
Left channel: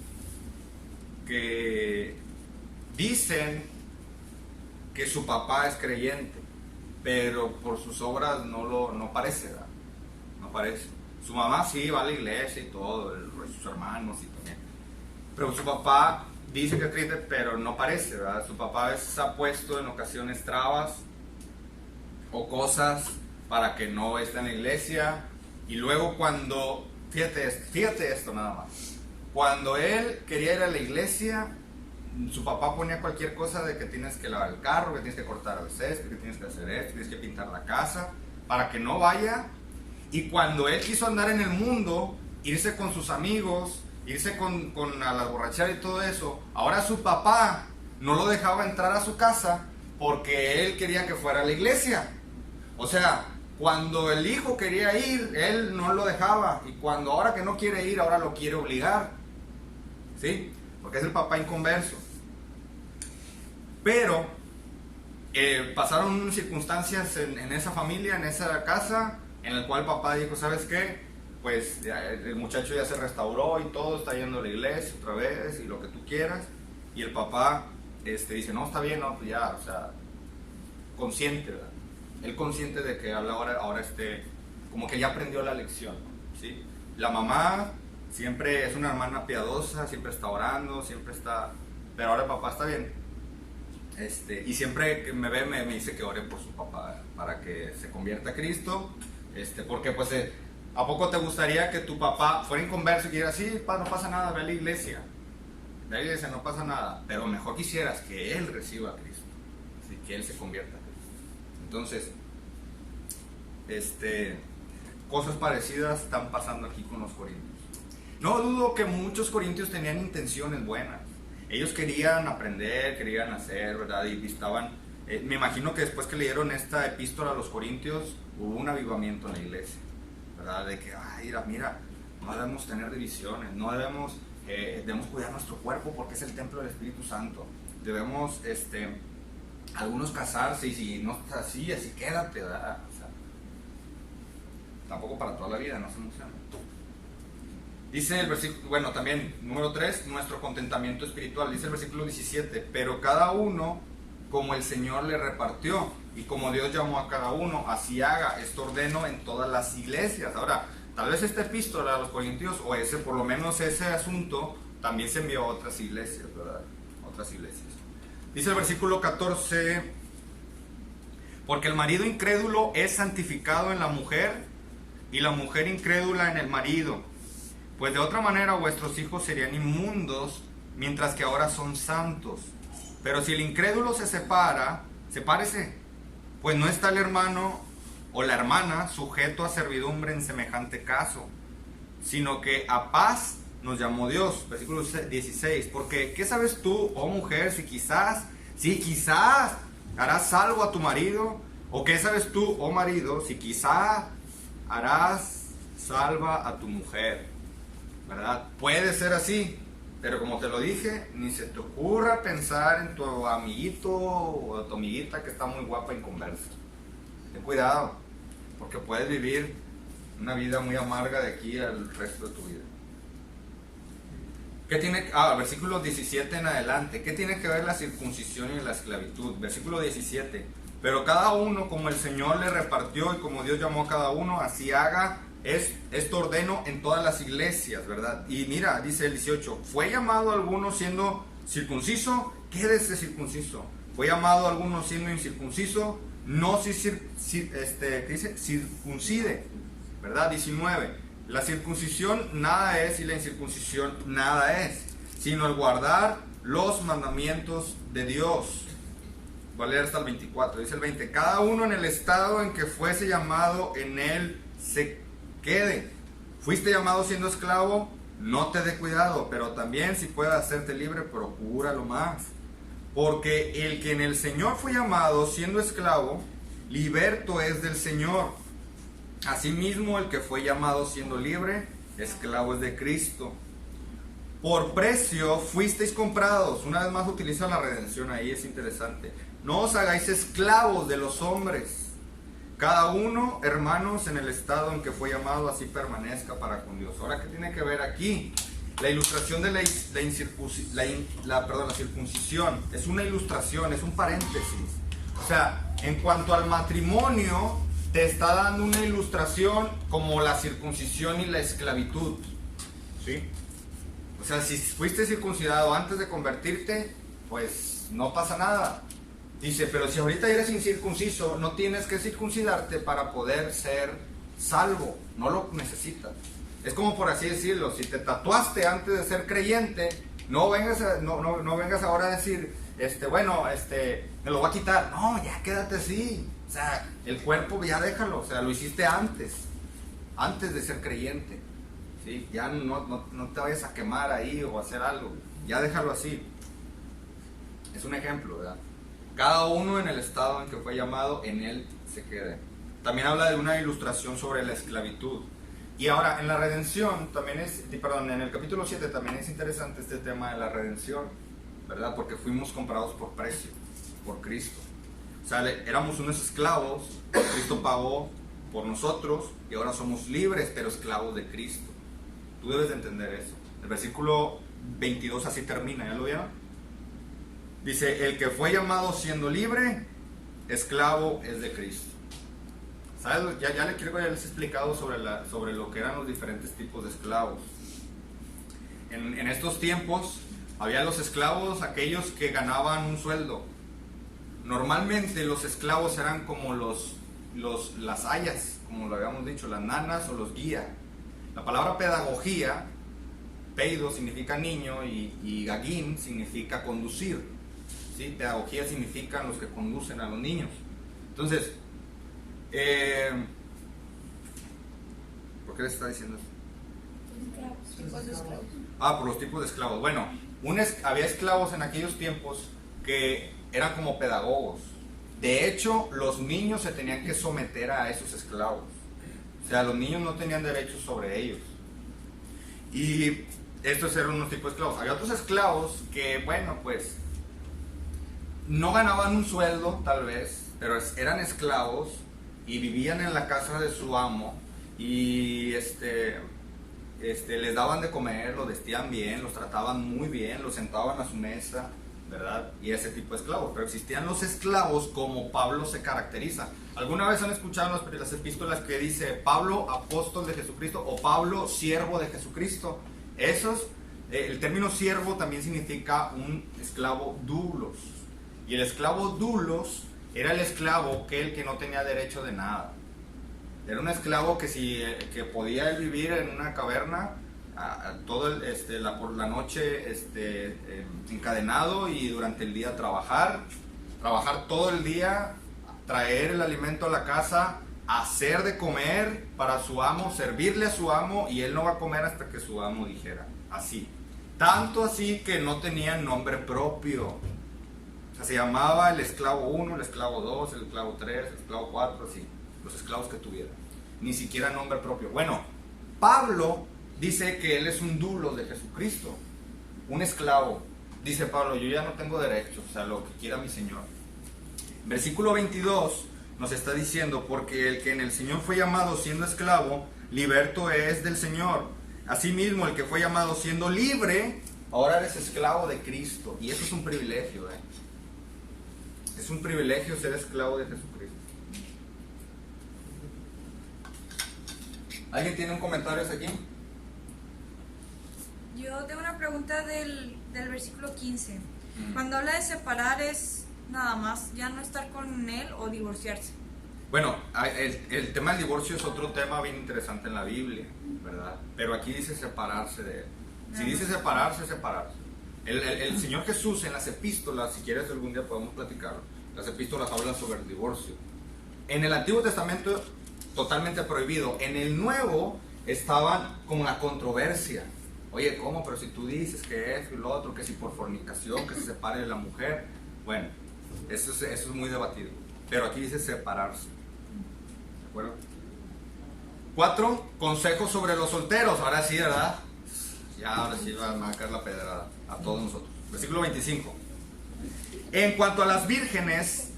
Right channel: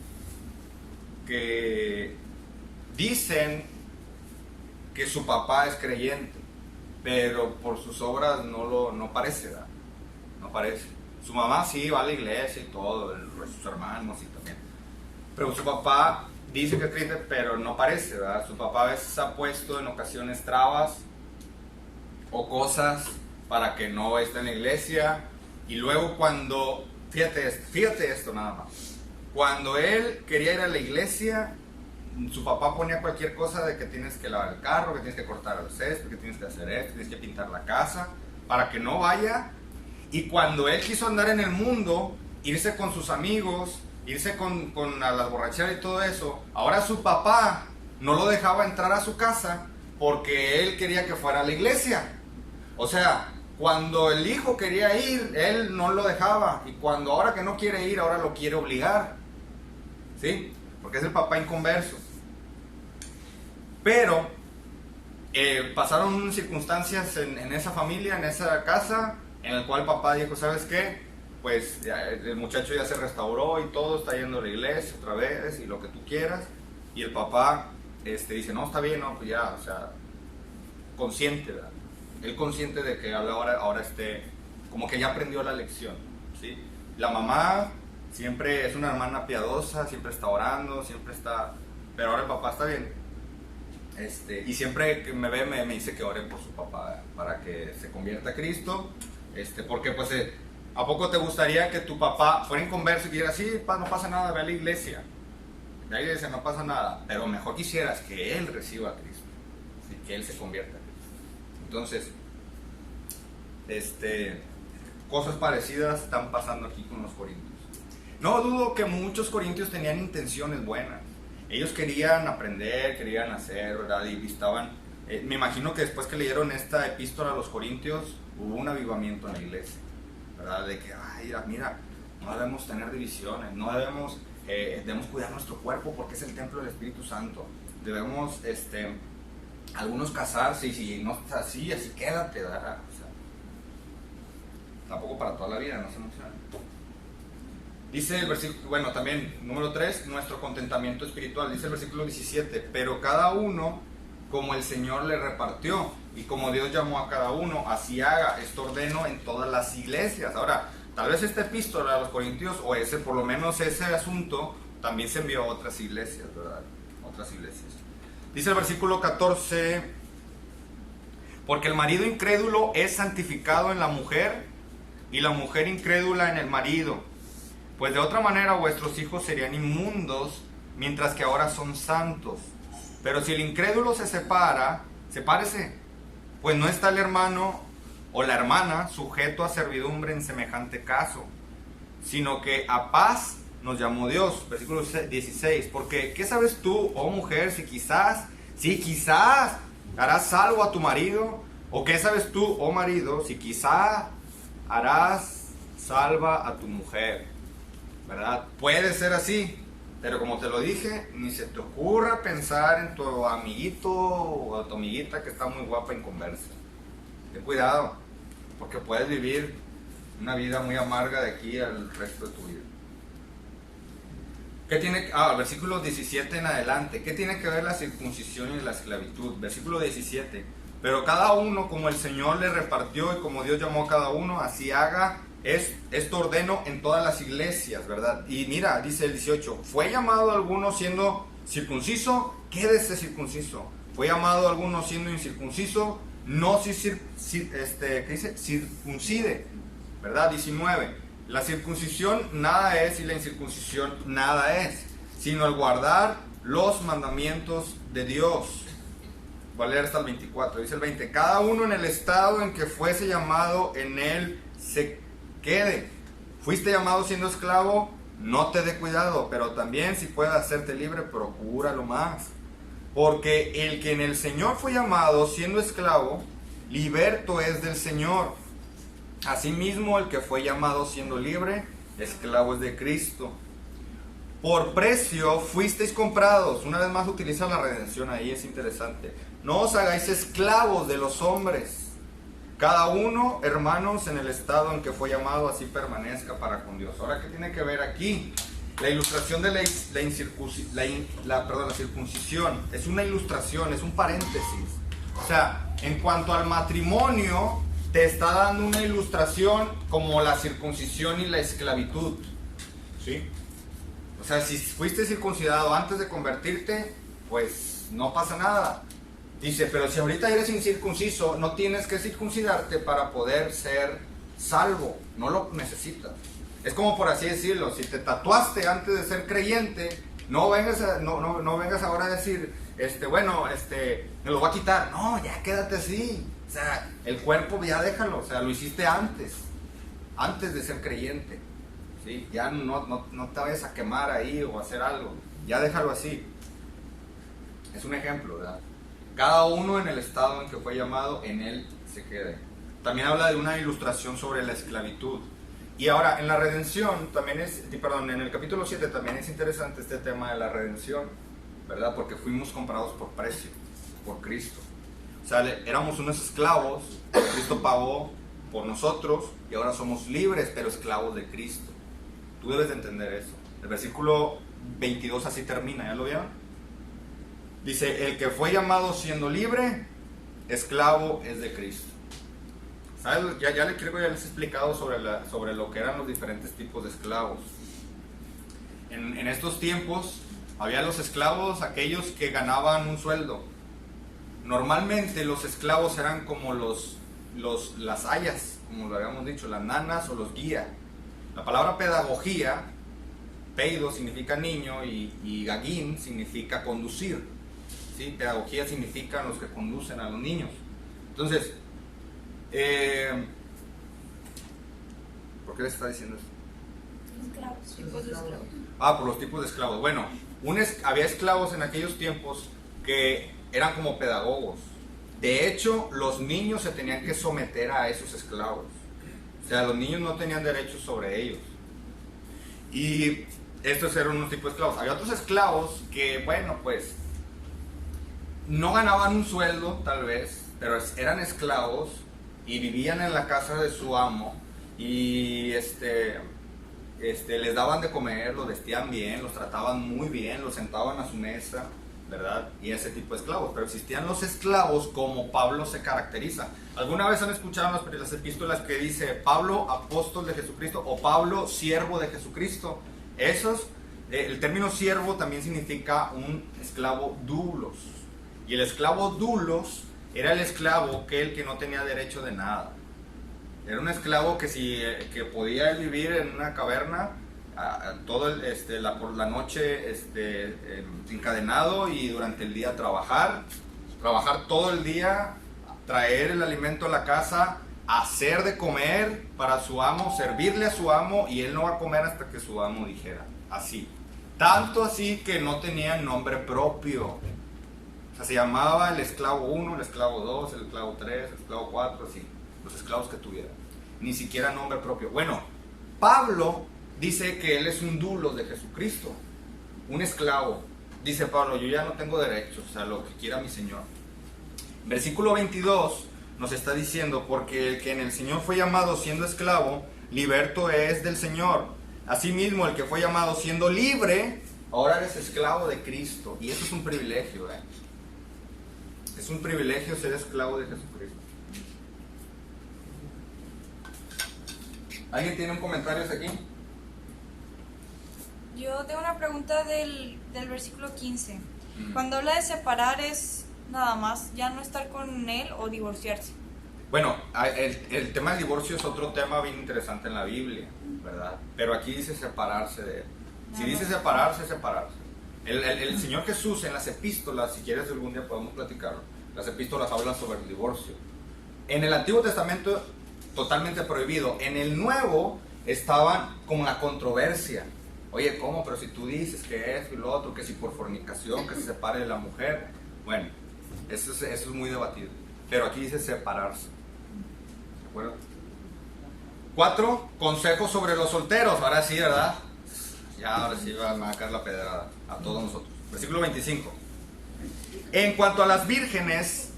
que dicen que su papá es creyente, pero por sus obras no parece, ¿verdad? No parece. Su mamá sí va a la iglesia y todo, sus hermanos y también. Pero su papá dice que es creyente, pero no parece, ¿verdad? Su papá a veces ha puesto en ocasiones trabas o cosas para que no esté en la iglesia. Y luego cuando, fíjate esto nada más, cuando él quería ir a la iglesia, su papá ponía cualquier cosa de que tienes que lavar el carro, que tienes que cortar el césped, que tienes que hacer esto, que tienes que pintar la casa, para que no vaya. Y cuando él quiso andar en el mundo, irse con sus amigos, irse con a las borracheras y todo eso, ahora su papá no lo dejaba entrar a su casa porque él quería que fuera a la iglesia. O sea, cuando el hijo quería ir, él no lo dejaba, y cuando ahora que no quiere ir, ahora lo quiere obligar, ¿sí? Porque es el papá inconverso. Pero pasaron circunstancias en esa familia, en esa casa, en el cual el papá dijo, ¿sabes qué? Pues el muchacho ya se restauró y todo, está yendo a la iglesia otra vez y lo que tú quieras. Y el papá dice, no, está bien, no, pues ya, o sea, consciente, ¿verdad? Él consciente de que ahora como que ya aprendió la lección, ¿sí? La mamá Siempre es una hermana piadosa, siempre está orando, siempre está... Pero ahora el papá está bien. Y siempre que me ve me dice que ore por su papá para que se convierta a Cristo. Porque pues ¿a poco te gustaría que tu papá fuera inconverso y que dijera, sí, no pasa nada, ve a la iglesia? Ve a la iglesia, no pasa nada. Pero mejor quisieras que él reciba a Cristo, ¿sí? Que él se convierta a Cristo. Entonces, cosas parecidas están pasando aquí con los corintios. No dudo que muchos corintios tenían intenciones buenas. Ellos querían aprender, querían hacer, ¿verdad? Y estaban... me imagino que después que leyeron esta epístola a los corintios, hubo un avivamiento en la iglesia, ¿verdad? De que, mira, no debemos tener divisiones, no debemos cuidar nuestro cuerpo porque es el templo del Espíritu Santo. Debemos, algunos casarse y si no está así quédate, ¿verdad? O sea, tampoco para toda la vida, no se emocionen. Dice el versículo, bueno, también, número 3, nuestro contentamiento espiritual. Dice el versículo 17, pero cada uno como el Señor le repartió y como Dios llamó a cada uno, así haga. Esto ordeno en todas las iglesias. Ahora, tal vez esta epístola a los corintios, o por lo menos ese asunto, también se envió a otras iglesias, ¿verdad? Otras iglesias. Dice el versículo 14, porque el marido incrédulo es santificado en la mujer y la mujer incrédula en el marido. Pues de otra manera vuestros hijos serían inmundos, mientras que ahora son santos. Pero si el incrédulo se separa, sepárese, pues no está el hermano o la hermana sujeto a servidumbre en semejante caso, sino que a paz nos llamó Dios. Versículo 16, porque ¿qué sabes tú, oh mujer, si quizás harás salvo a tu marido? ¿O qué sabes tú, oh marido, si quizás harás salva a tu mujer? ¿Verdad? Puede ser así, pero como te lo dije, ni se te ocurra pensar en tu amiguito o tu amiguita que está muy guapa e inconversa. Ten cuidado, porque puedes vivir una vida muy amarga de aquí al resto de tu vida. ¿Qué tiene? El versículo 17 en adelante. ¿Qué tiene que ver la circuncisión y la esclavitud? Versículo 17. Pero cada uno como el Señor le repartió y como Dios llamó a cada uno, así haga. Esto ordeno en todas las iglesias, ¿verdad? Y mira, dice el 18, ¿fue llamado alguno siendo circunciso? Quédese circunciso. ¿Fue llamado alguno siendo incircunciso? No ¿qué dice? Circuncide, ¿verdad? 19, la circuncisión nada es y la incircuncisión nada es, sino el guardar los mandamientos de Dios. Voy a leer hasta el 24, dice el 20, cada uno en el estado en que fuese llamado, en él se quede. Fuiste llamado siendo esclavo, no te dé cuidado, pero también si puedes hacerte libre, procúralo más. Porque el que en el Señor fue llamado siendo esclavo, liberto es del Señor. Asimismo, el que fue llamado siendo libre, esclavo es de Cristo. Por precio fuisteis comprados. Una vez más utiliza la redención ahí, es interesante. No os hagáis esclavos de los hombres. Cada uno, hermanos, en el estado en que fue llamado, así permanezca para con Dios. Ahora, ¿qué tiene que ver aquí? La ilustración de la circuncisión es una ilustración, es un paréntesis. O sea, en cuanto al matrimonio, te está dando una ilustración como la circuncisión y la esclavitud, ¿sí? O sea, si fuiste circuncidado antes de convertirte, pues no pasa nada. Dice, pero si ahorita eres incircunciso, no tienes que circuncidarte para poder ser salvo, no lo necesitas. Es como por así decirlo, si te tatuaste antes de ser creyente, no vengas ahora a decir, me lo voy a quitar. No, ya quédate así. O sea, el cuerpo ya déjalo, o sea, lo hiciste antes de ser creyente, ¿sí? Ya no te vayas a quemar ahí o a hacer algo, ya déjalo así. Es un ejemplo, ¿verdad? Cada uno en el estado en que fue llamado, en él se quede. También habla de una ilustración sobre la esclavitud. Y ahora, en la redención, en el capítulo 7 también es interesante este tema de la redención, ¿verdad? Porque fuimos comprados por precio, por Cristo. O sea, éramos unos esclavos, Cristo pagó por nosotros y ahora somos libres, pero esclavos de Cristo. Tú debes de entender eso. El versículo 22 así termina, ¿ya lo vieron? Dice, el que fue llamado siendo libre, esclavo es de Cristo. ¿Sabes? Ya les he explicado sobre lo que eran los diferentes tipos de esclavos. en estos tiempos había los esclavos, aquellos que ganaban un sueldo. Normalmente los esclavos eran como las ayas, como lo habíamos dicho, las nanas o los guías. La palabra pedagogía, peido significa niño y gagín significa conducir, ¿sí? Pedagogía significa los que conducen a los niños. Entonces, ¿por qué les está diciendo eso? Tipos de esclavos. Por los tipos de esclavos. Bueno, había esclavos en aquellos tiempos que eran como pedagogos. De hecho, los niños se tenían que someter a esos esclavos. O sea, los niños no tenían derechos sobre ellos. Y estos eran unos tipos de esclavos. Había otros esclavos que, bueno, pues no ganaban un sueldo, tal vez, pero eran esclavos y vivían en la casa de su amo y les daban de comer, los vestían bien, los trataban muy bien, los sentaban a su mesa, ¿verdad? Y ese tipo de esclavos. Pero existían los esclavos como Pablo se caracteriza. ¿Alguna vez han escuchado las epístolas que dice Pablo, apóstol de Jesucristo, o Pablo, siervo de Jesucristo? El término siervo también significa un esclavo doulos. Y el esclavo doulos era el esclavo que no tenía derecho de nada. Era un esclavo que podía vivir en una caverna por la noche encadenado y durante el día trabajar todo el día, traer el alimento a la casa, hacer de comer para su amo, servirle a su amo, y él no va a comer hasta que su amo dijera. Así. Tanto así que no tenía nombre propio. O sea, se llamaba el esclavo 1, el esclavo 2, el esclavo 3, el esclavo 4, así. Los esclavos que tuvieran. Ni siquiera nombre propio. Bueno, Pablo dice que él es un doulos de Jesucristo. Un esclavo. Dice Pablo, yo ya no tengo derechos, o sea, lo que quiera mi Señor. Versículo 22 nos está diciendo, porque el que en el Señor fue llamado siendo esclavo, liberto es del Señor. Asimismo, el que fue llamado siendo libre, ahora eres esclavo de Cristo. Y eso es un privilegio, Es un privilegio ser esclavo de Jesucristo. ¿Alguien tiene un comentario aquí? Yo tengo una pregunta del versículo 15. Cuando habla de separar, ¿es nada más ya no estar con él o divorciarse? Bueno, el tema del divorcio es otro tema bien interesante en la Biblia, ¿verdad? Pero aquí dice separarse de él. Si dice separarse, separarse. El Señor Jesús en las epístolas, si quieres algún día podemos platicarlo, las epístolas hablan sobre el divorcio. En el Antiguo Testamento totalmente prohibido. En el Nuevo estaban como la controversia. Oye, ¿cómo? Pero si tú dices que esto y lo otro, que si por fornicación, que se separe de la mujer. Bueno, eso es muy debatido. Pero aquí dice separarse. ¿De acuerdo? 4, consejos sobre los solteros. Ahora sí, ¿verdad? Ahora sí va a caer la pedrada a todos nosotros. Versículo 25. En cuanto a las vírgenes,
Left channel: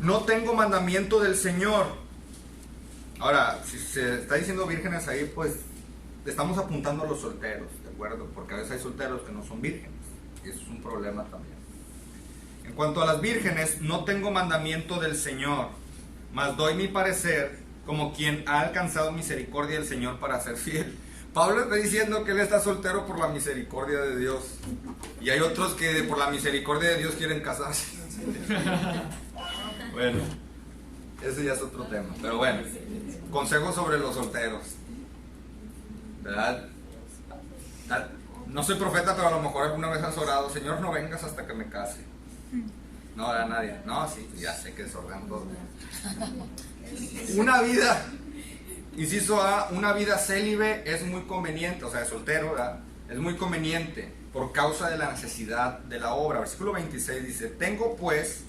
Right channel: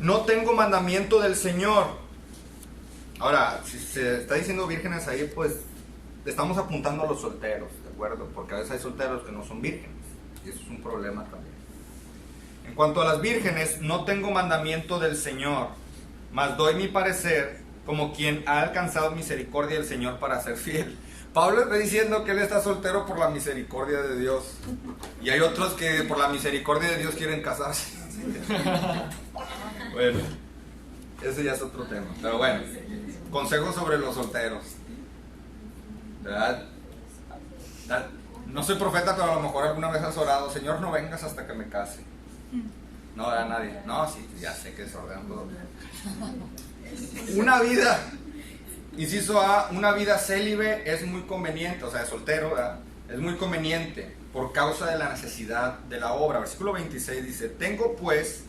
no tengo mandamiento del Señor. Ahora, si se está diciendo vírgenes ahí, pues estamos apuntando a los solteros, ¿de acuerdo? Porque a veces hay solteros que no son vírgenes, y eso es un problema también. En cuanto a las vírgenes, no tengo mandamiento del Señor, mas doy mi parecer como quien ha alcanzado misericordia del Señor para ser fiel. Pablo está diciendo que él está soltero por la misericordia de Dios, y hay otros que por la misericordia de Dios quieren casarse. Bueno, ese ya es otro tema, pero bueno, consejos sobre los solteros, ¿verdad? No soy profeta, pero a lo mejor alguna vez has orado, Señor, no vengas hasta que me case. No, a nadie. No, sí, ya sé que desordenan todo. Una vida, inciso A, una vida célibe es muy conveniente, o sea, de soltero, ¿verdad? Es muy conveniente por causa de la necesidad de la obra. Versículo 26 dice, tengo pues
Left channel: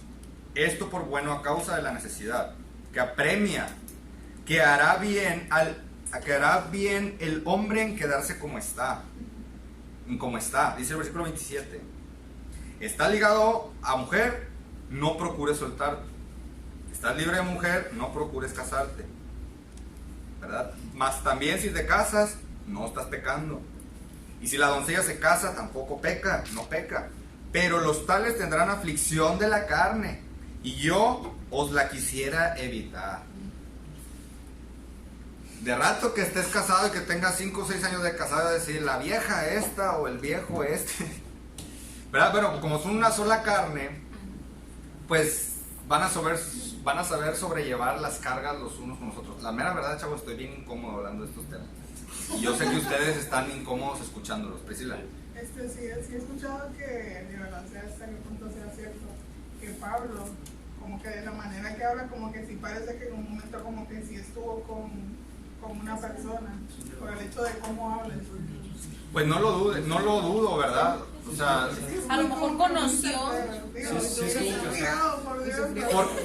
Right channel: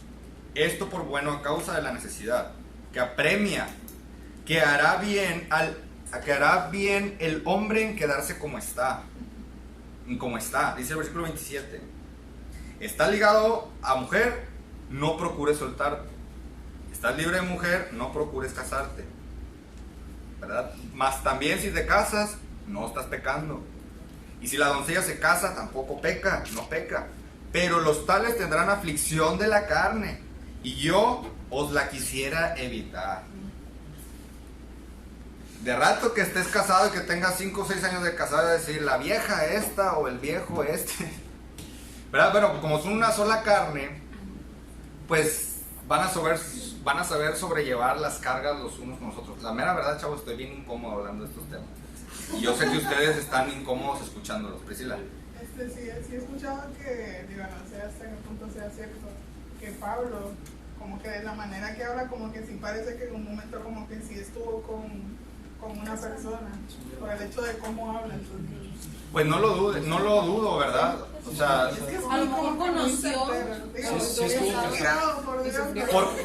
esto por bueno a causa de la necesidad, que apremia, que hará bien el hombre en quedarse como está. Dice el versículo 27. Estás ligado a mujer, no procures soltarte. Estás libre de mujer, no procures casarte, ¿verdad? Mas también si te casas, no estás pecando. Y si la doncella se casa, tampoco peca, no peca. Pero los tales tendrán aflicción de la carne, y yo os la quisiera evitar. de rato que estés casado y que tengas 5 o 6 años de casado, a decir la vieja esta o el viejo este, ¿verdad? Bueno, como son una sola carne, pues van a saber sobrellevar las cargas los unos con los otros. La mera verdad, chavos, estoy bien incómodo hablando de estos temas. Y yo sé que ustedes están incómodos escuchándolos. Priscila. Sí he escuchado que, digo, no sé hasta qué punto sea cierto, que Pablo, como que de la manera que habla, como que sí parece que en un momento como que sí estuvo con una persona, por el hecho de cómo habla. Pues no lo dudo, ¿verdad? O sea, A lo mejor conoció.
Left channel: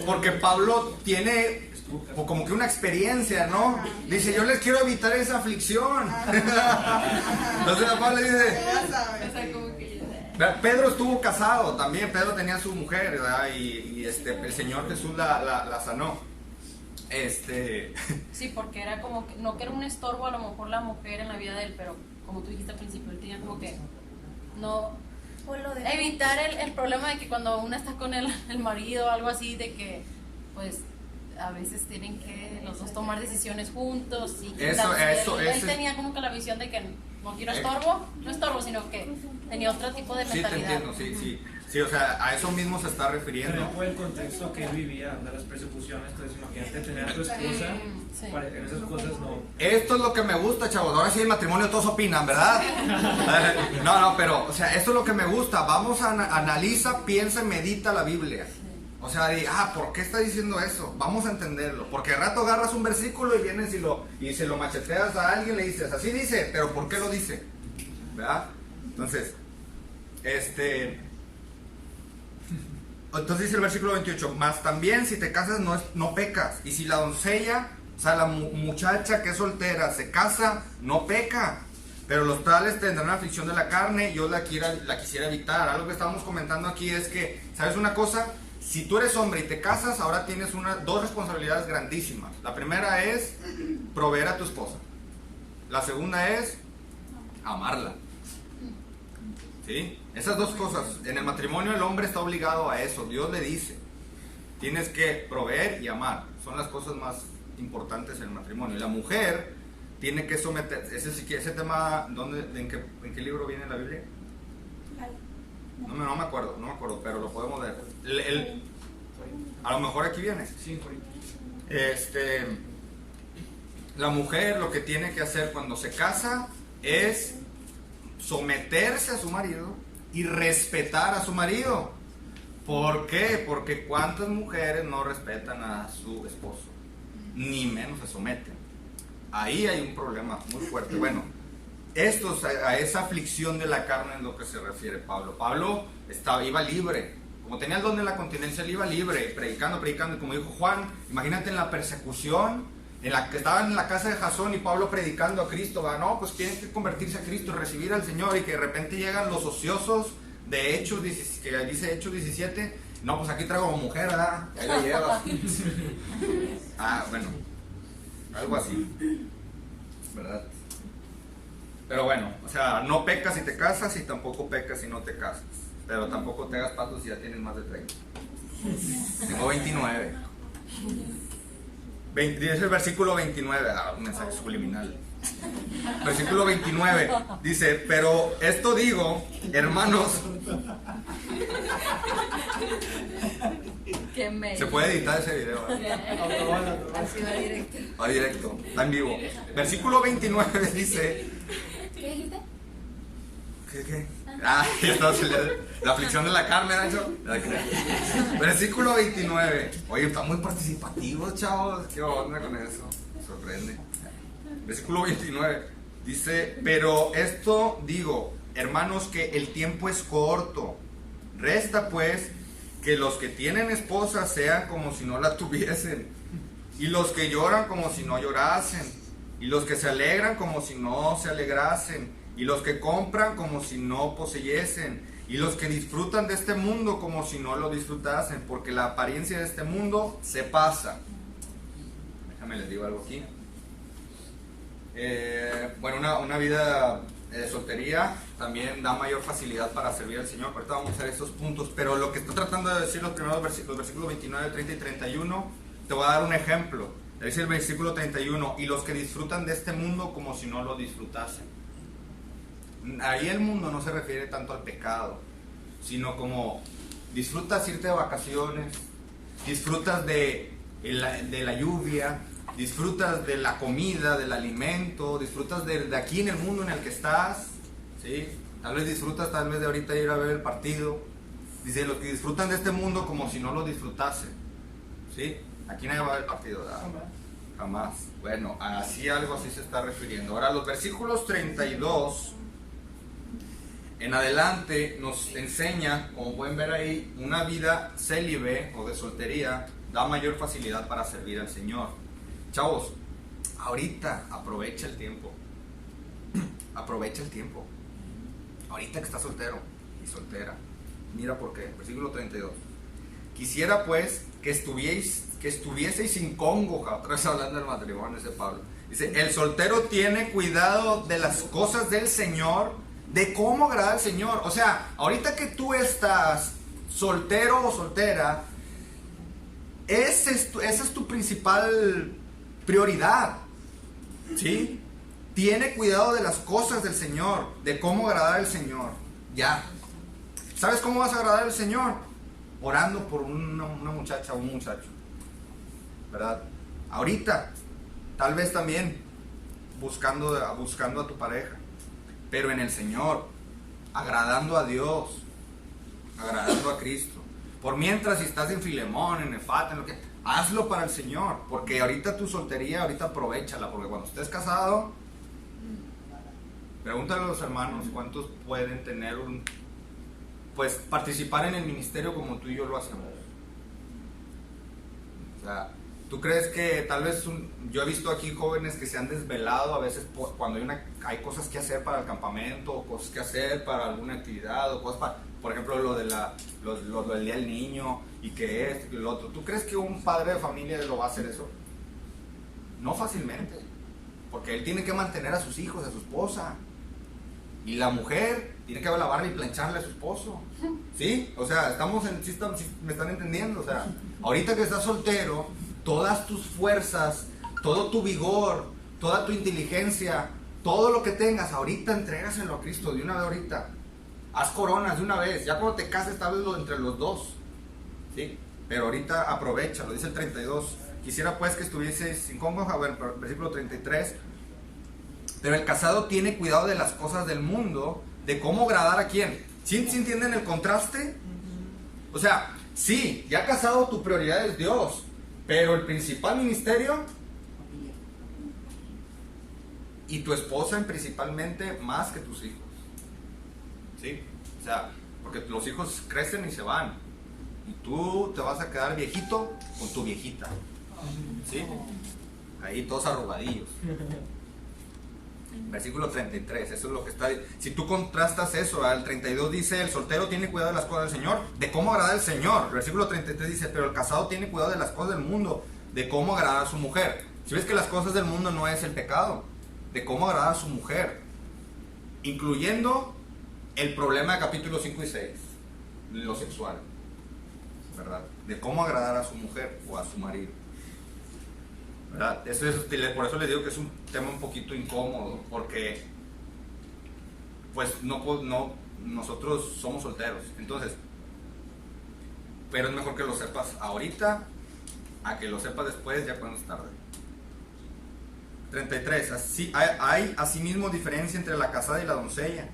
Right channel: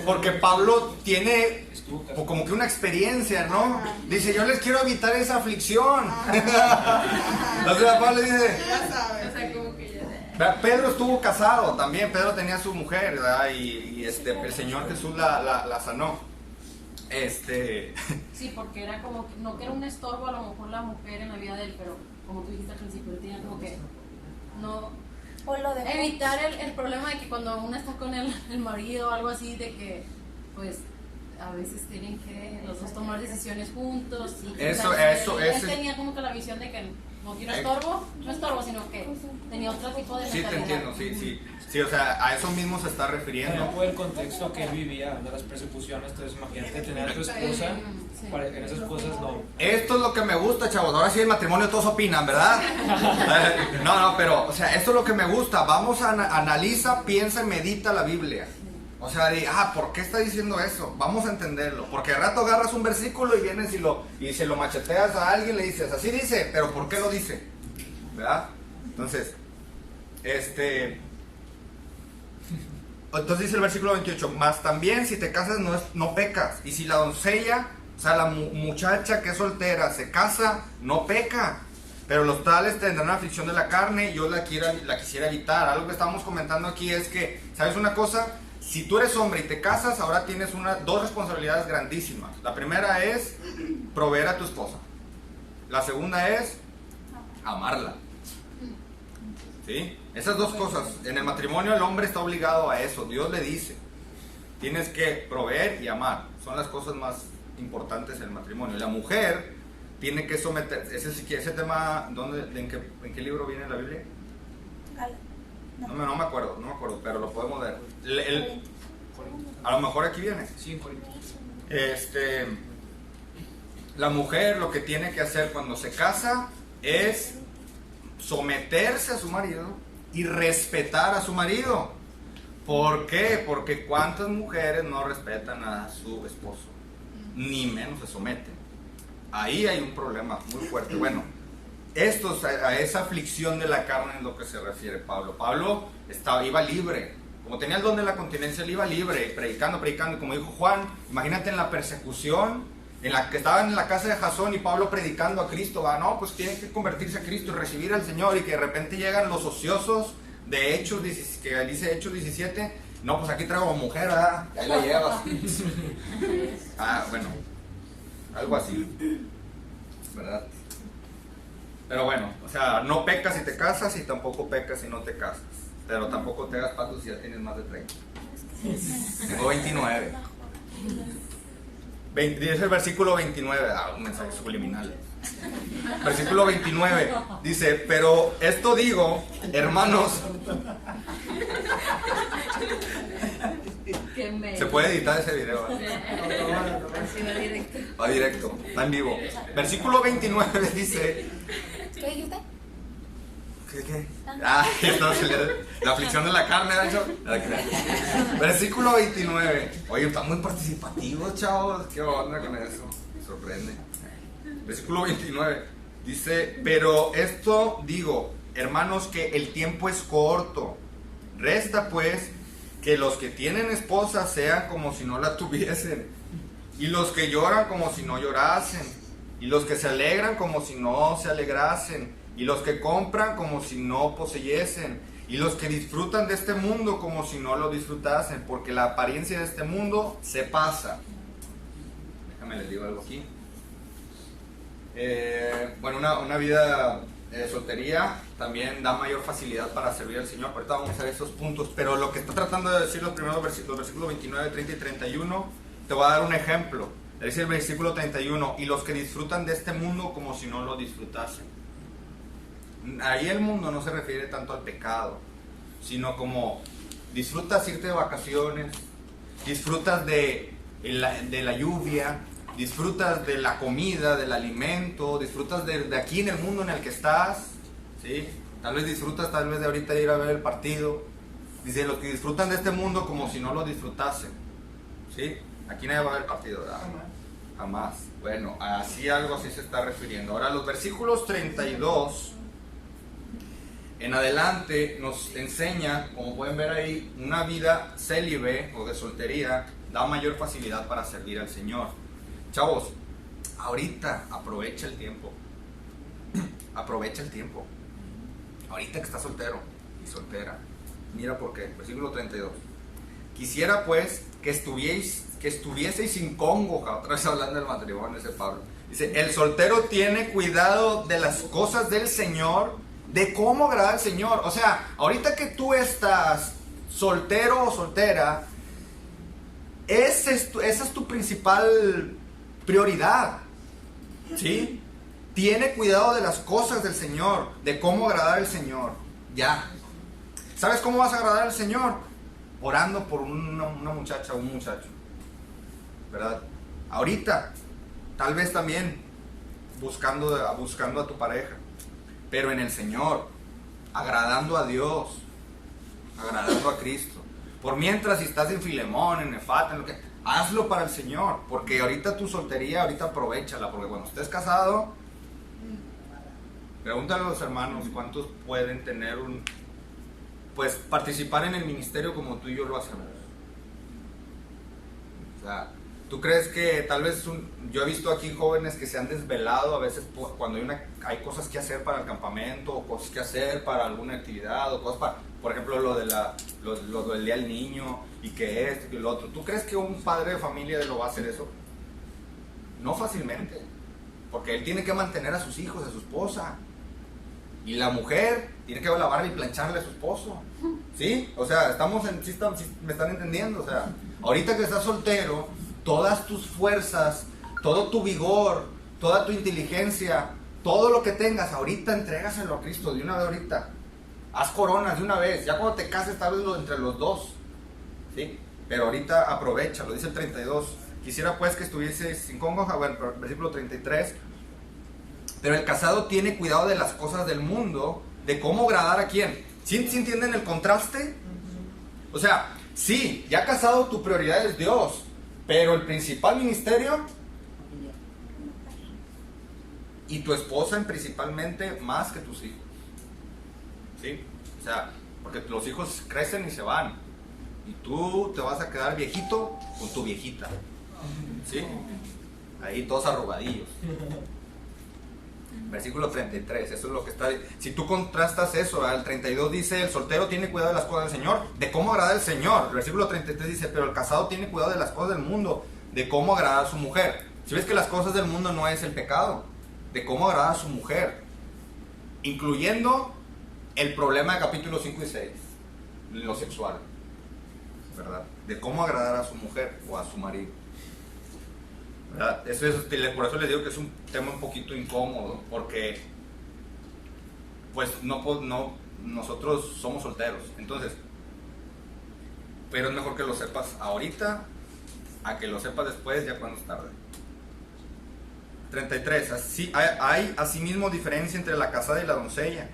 porque Pablo tiene como que una experiencia, ¿no? Dice, yo les quiero evitar esa aflicción. Entonces Pablo le dice, Ya sabes. O sea, como que ya. Pedro estuvo casado también, Pedro tenía su mujer, ¿verdad? Y el Señor Jesús la sanó. Sí, porque era como que, no que era un estorbo a lo mejor la mujer en la vida de él, pero como tú dijiste al principio, él tenía como que no O lo de evitar el problema de que cuando una está con el marido o algo así, de que pues a veces tienen que los dos tomar decisiones juntos. Y él tenía como que la visión de que no quiero no estorbo, sino que tenía otro tipo de mentalidad. Sí, te entiendo, sí, o sea, a eso mismo se está refiriendo. Pero fue el contexto que él vivía, de las persecuciones. Entonces imagínate tener a tu esposa, Sí. en esas cosas no. Esto es lo que me gusta, chavos. Ahora sí el matrimonio todos opinan, ¿verdad? No, pero, o sea, esto es lo que me gusta. Vamos a analiza, piensa y medita la Biblia. O sea, ¿por qué está diciendo eso? Vamos a entenderlo. Porque de rato agarras un versículo y vienes y se lo macheteas a alguien y le dices, así dice, pero ¿por qué lo dice? ¿Verdad? Entonces dice el versículo 28, más también si te casas no pecas. Y si la doncella, o sea, la muchacha que es soltera se casa, no peca. Pero los tales tendrán aflicción de la carne y yo la quisiera evitar. Algo que estamos comentando aquí es que, ¿sabes una cosa? Si tú eres hombre y te casas, ahora tienes dos responsabilidades grandísimas. La primera es proveer a tu esposa. La segunda es amarla. ¿Sí? Esas dos cosas. En el matrimonio el hombre está obligado a eso. Dios le dice, tienes que proveer y amar. Son las cosas más importantes en el matrimonio. Y la mujer tiene que someter. Ese tema, en qué libro viene en la Biblia? No me acuerdo, pero lo podemos ver. A lo mejor aquí viene. Sí, Corintios. La mujer lo que tiene que hacer cuando se casa es someterse a su marido y respetar a su marido. ¿Por qué? Porque cuántas mujeres no respetan a su esposo, ni menos se someten. Ahí hay un problema muy fuerte. Bueno, a esa aflicción de la carne es lo que se refiere Pablo. Pablo iba libre, como tenía el don de la continencia, él iba libre, predicando, y como dijo Juan, imagínate en la persecución, en la que estaban en la casa de Jasón y Pablo predicando a Cristo, no, pues tienen que convertirse a Cristo y recibir al Señor, y que de repente llegan los ociosos de Hechos, que dice Hechos 17, no, pues aquí traigo a mujer, ¿verdad? Ahí la llevas. Bueno, algo así, ¿verdad? Pero bueno, o sea, no pecas si te casas y tampoco pecas si no te casas. Pero tampoco te hagas patos si ya tienes más de 30. Tengo 29. Dice el versículo 29, un mensaje subliminal. Versículo 29 dice, pero esto digo, hermanos. Se puede editar ese video, va directo, está en vivo. Versículo 29 dice, ¿qué dijiste? ¿Qué? La aflicción de la carne, ¿no? Versículo 29. Oye, están muy participativos, chavos. ¿Qué onda con eso? Me sorprende. Versículo 29 dice, pero esto digo, hermanos, que el tiempo es corto. Resta pues que los que tienen esposa sean como si no la tuviesen, y los que lloran como si no llorasen, y los que se alegran como si no se alegrasen, y los que compran como si no poseyesen, y los que disfrutan de este mundo como si no lo disfrutasen, porque la apariencia de este mundo se pasa. Déjame les digo algo aquí. Bueno, una vida de soltería también da mayor facilidad para servir al Señor. Ahorita vamos a hacer estos puntos, pero lo que está tratando de decir los primeros versículos 29, 30 y 31, te voy a dar un ejemplo. Dice el versículo 31, y los que disfrutan de este mundo como si no lo disfrutasen. Ahí el mundo no se refiere tanto al pecado, sino como disfrutas irte de vacaciones, disfrutas de la lluvia, disfrutas de la comida, del alimento, disfrutas de aquí en el mundo en el que estás, ¿sí? Tal vez disfrutas de ahorita ir a ver el partido. Dice, los que disfrutan de este mundo como si no lo disfrutasen, ¿sí? Aquí nadie va a ver el partido, ¿verdad? Jamás. Bueno, algo así se está refiriendo. Ahora, los versículos 32 en adelante nos enseña, como pueden ver ahí, una vida célibe o de soltería da mayor facilidad para servir al Señor. Chavos, ahorita aprovecha el tiempo. Aprovecha el tiempo. Ahorita que estás soltero y soltera. Mira por qué. Versículo 32. Quisiera pues que estuvieseis sin congoja. Otra vez hablando del matrimonio, ese Pablo. Dice, el soltero tiene cuidado de las cosas del Señor, de cómo agradar al Señor. O sea, ahorita que tú estás soltero o soltera, esa es tu principal prioridad, ¿sí? Tiene cuidado de las cosas del Señor, de cómo agradar al Señor. Ya. ¿Sabes cómo vas a agradar al Señor? Orando por una muchacha o un muchacho, ¿verdad? Ahorita, tal vez también buscando a tu pareja, pero en el Señor, agradando a Dios, agradando a Cristo. Por mientras, si estás en Filemón, en Efata, en lo que, hazlo para el Señor, porque ahorita tu soltería, ahorita aprovéchala, porque cuando estés casado, pregúntale a los hermanos cuántos pueden tener participar en el ministerio como tú y yo lo hacemos. O sea, ¿tú crees que tal vez yo he visto aquí jóvenes que se han desvelado a veces cuando hay cosas que hacer para el campamento, o cosas que hacer para alguna actividad, o cosas para, por ejemplo, lo del día del niño, y que esto, y lo otro? ¿Tú crees que un padre de familia lo va a hacer eso? No fácilmente, porque él tiene que mantener a sus hijos, a su esposa, y la mujer tiene que lavarle y plancharle a su esposo, ¿sí? O sea, me están entendiendo. O sea, ahorita que estás soltero, todas tus fuerzas, todo tu vigor, toda tu inteligencia, todo lo que tengas, ahorita entrégaselo a Cristo de una vez ahorita. Haz coronas de una vez. Ya cuando te cases, tal vez entre los dos, ¿sí? Pero ahorita aprovechalo. Dice el 32. Quisiera pues que estuvieses sin congoja. Bueno, versículo 33. Pero el casado tiene cuidado de las cosas del mundo, de cómo agradar a quién. ¿Sí entienden el contraste? O sea, sí, ya casado tu prioridad es Dios, pero el principal ministerio y tu esposa principalmente más que tus hijos. ¿Sí? O sea, porque los hijos crecen y se van, y tú te vas a quedar viejito con tu viejita. ¿Sí? Ahí todos arrugadillos. Versículo 33, eso es lo que está. Si tú contrastas eso, el 32 dice, el soltero tiene cuidado de las cosas del Señor, de cómo agradar al Señor. El versículo 33 dice, pero el casado tiene cuidado de las cosas del mundo, de cómo agradar a su mujer. Si ves que las cosas del mundo no es el pecado, de cómo agradar a su mujer, incluyendo el problema de capítulos 5 y 6, lo sexual, ¿verdad? De cómo agradar a su mujer o a su marido, ¿verdad? Por eso les digo que es un tema un poquito incómodo, porque pues nosotros somos solteros, entonces, pero es mejor que lo sepas ahorita a que lo sepas después, ya cuando es tarde. 33. Hay asimismo diferencia entre la casada y la doncella,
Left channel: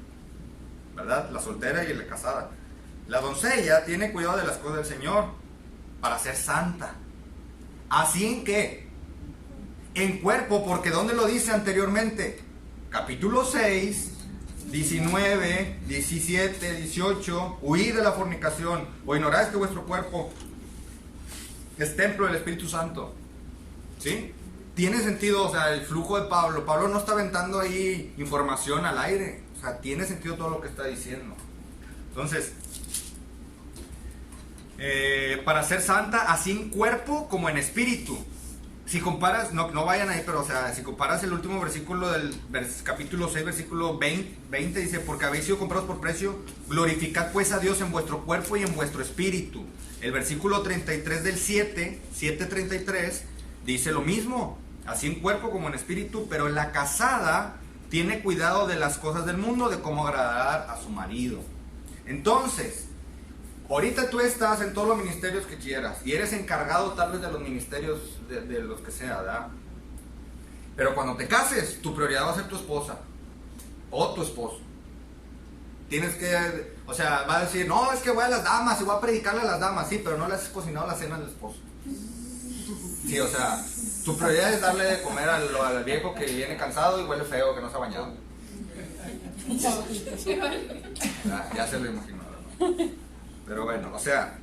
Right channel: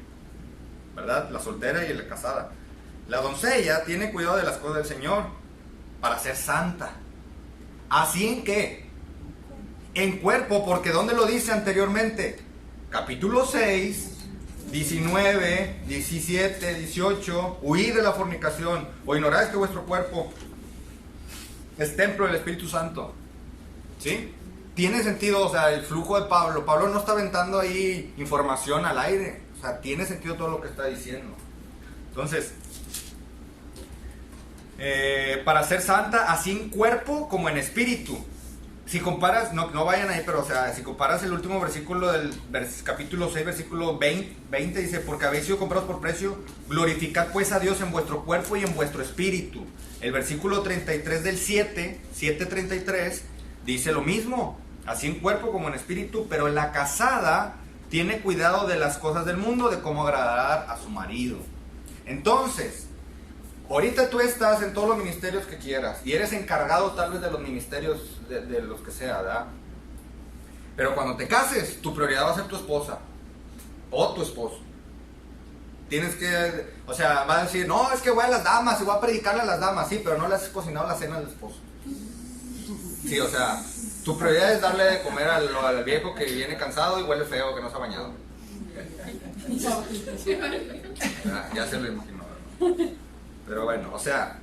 ¿verdad? La soltera y la casada. La doncella tiene cuidado de las cosas del Señor para ser santa. Así en que en cuerpo, porque ¿dónde lo dice anteriormente? Capítulo 6, 19, 17, 18. Huid de la fornicación, o ignoráis que vuestro cuerpo es templo del Espíritu Santo. ¿Sí? Tiene sentido, o sea, el flujo de Pablo. Pablo no está aventando ahí información al aire. O sea, tiene sentido todo lo que está diciendo. Entonces, para ser santa, así en cuerpo como en espíritu. Si comparas, no vayan ahí, pero o sea, si comparas el último versículo del capítulo 6, versículo 20, dice, porque habéis sido comprados por precio, glorificad pues a Dios en vuestro cuerpo y en vuestro espíritu. El versículo 33 del 7:33, dice lo mismo, así en cuerpo como en espíritu, pero la casada tiene cuidado de las cosas del mundo, de cómo agradar a su marido. Entonces, ahorita tú estás en todos los ministerios que quieras y eres encargado tal vez de los ministerios de los que sea, ¿verdad? Pero cuando te cases, tu prioridad va a ser tu esposa o tu esposo. Tienes que, o sea, va a decir, no, es que voy a las damas y voy a predicarle a las damas, sí, pero no le has cocinado la cena al esposo. Sí, o sea, tu prioridad es darle de comer al viejo que viene cansado y huele feo, que no se ha bañado. Ya se lo imagino, ¿no? Pero bueno, o sea,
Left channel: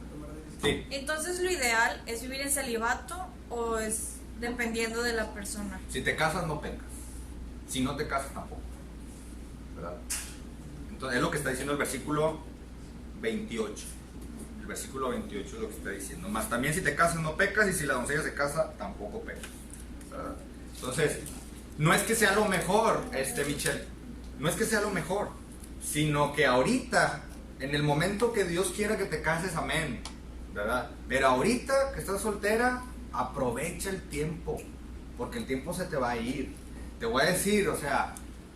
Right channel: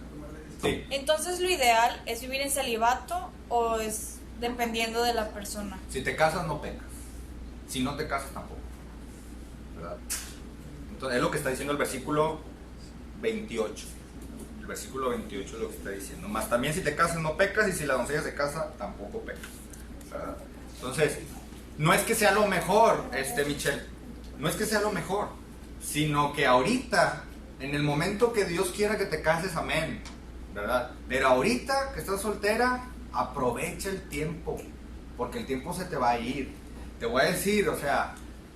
sí. Entonces, lo ideal es vivir en celibato o es dependiendo de la persona. Si te casas, no pecas. Si no te casas, tampoco. ¿Verdad? Entonces, es lo que está diciendo el versículo 28. El versículo 28 es lo que está diciendo. Más también si te casas, no pecas. Y si la doncella se casa, tampoco pecas. ¿Verdad? Entonces, no es que sea lo mejor, Michelle. No es que sea lo mejor. Sino que ahorita, en el momento que Dios quiera que te cases, amén. ¿Verdad? Pero ahorita que estás soltera, aprovecha el tiempo, porque el tiempo se te va a ir. Te voy a decir, o sea,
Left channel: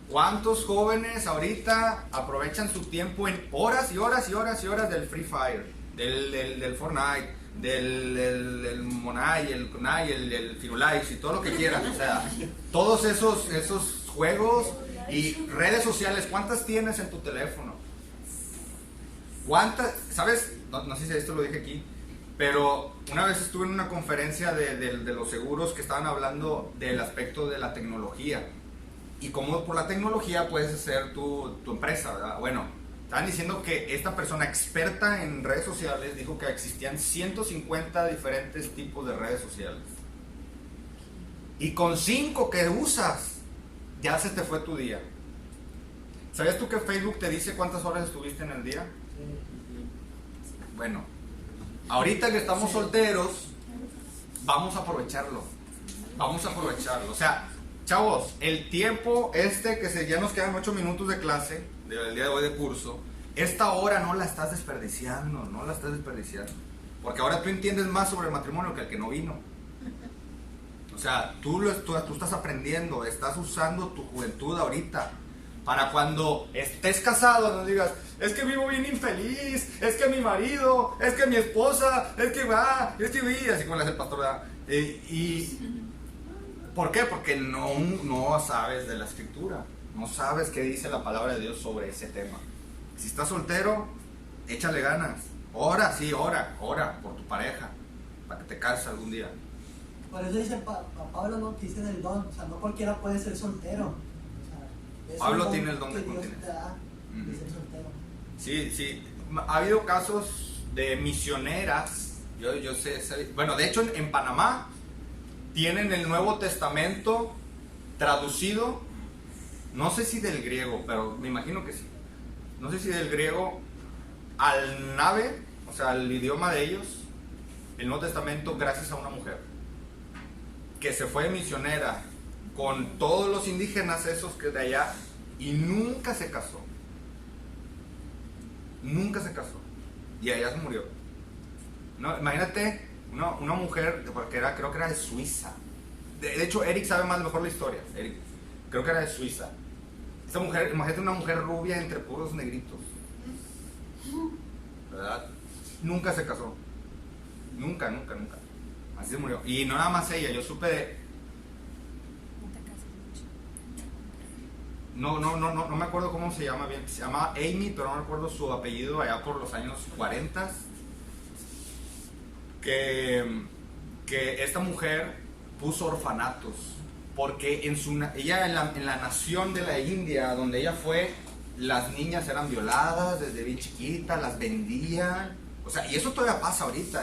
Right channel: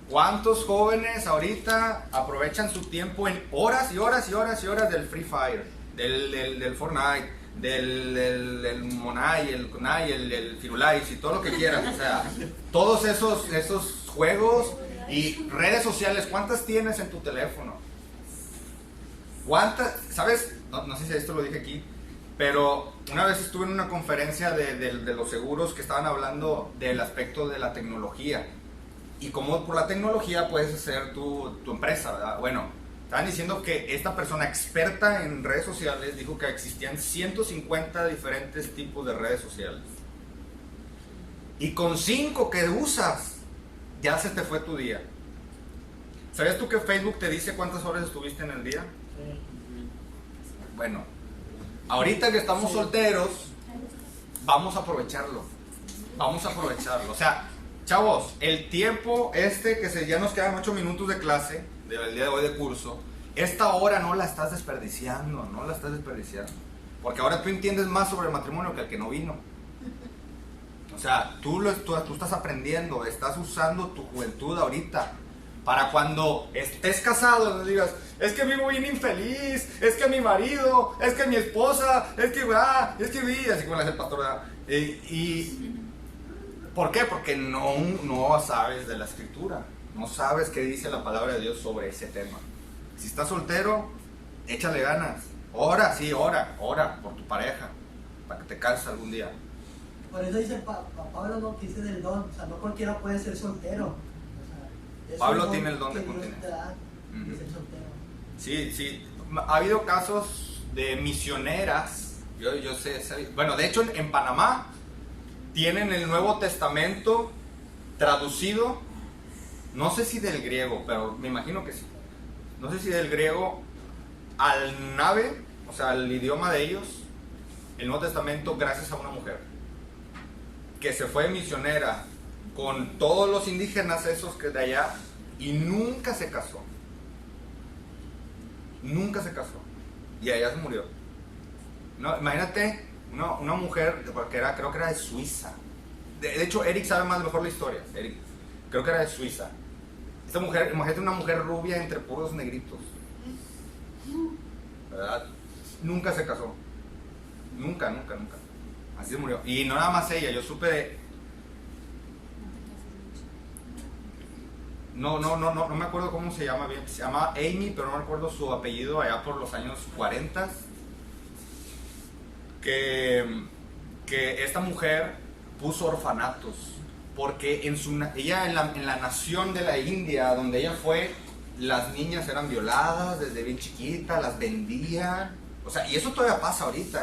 ¿cuántos jóvenes ahorita aprovechan su tiempo en horas y horas y horas y horas del Free Fire, del Fortnite, del Monai, el Kunai, el Firulais y todo lo que quieran? O sea, todos esos juegos y redes sociales, ¿cuántas tienes en tu teléfono? ¿Cuántas? ¿Sabes? No sé si esto lo dije aquí, pero una vez estuve en una conferencia de los seguros que estaban hablando del aspecto de la tecnología y cómo por la tecnología puedes hacer tu empresa, ¿verdad? Bueno, estaban diciendo que esta persona experta en redes sociales dijo que existían 150 diferentes tipos de redes sociales y con 5 que usas ya se te fue tu día. ¿Sabías tú que Facebook te dice cuántas horas estuviste en el día? Bueno, ahorita que estamos solteros, vamos a aprovecharlo. Vamos a aprovecharlo. O sea, chavos, el tiempo que ya nos quedan 8 minutos de clase, del día de hoy de curso, esta hora no la estás desperdiciando, no la estás desperdiciando. Porque ahora tú entiendes más sobre el matrimonio que el que no vino. O sea, tú estás aprendiendo, estás usando tu juventud ahorita. Para cuando estés casado, no digas, es que vivo bien infeliz, es que mi marido, es que mi esposa, es que así como le hace el pastor, ¿verdad? ¿Por qué? Porque no sabes de la escritura, no sabes qué dice la palabra de Dios sobre ese tema. Si estás soltero, échale ganas, ora por tu pareja, para que te cases algún día. Por eso dice Pablo, no, que dice del don, o sea, no cualquiera puede ser soltero. Pablo tiene el don de continencia. Sí, ha habido casos de misioneras, yo sé, bueno, de hecho en Panamá tienen el Nuevo Testamento traducido, no sé si del griego, pero me imagino que sí, no sé si del griego al nave, o sea, al idioma de ellos, el Nuevo Testamento gracias a una mujer que se fue misionera con todos los indígenas esos que de allá y nunca se casó y allá se murió. No, imagínate una mujer, porque creo que era de Suiza, de hecho Eric sabe más mejor la historia, Eric, creo que era de Suiza. Esta mujer, imagínate una mujer rubia entre puros negritos, ¿verdad? Nunca se casó, nunca, así se murió. Y no nada más ella, yo supe de no me acuerdo cómo se llama bien, se llama Amy, pero no recuerdo su apellido, allá por los años 40, que esta mujer puso orfanatos, porque ella en la nación de la India, donde ella fue, las niñas eran violadas desde bien chiquitas, las vendían, o sea, y eso todavía pasa ahorita,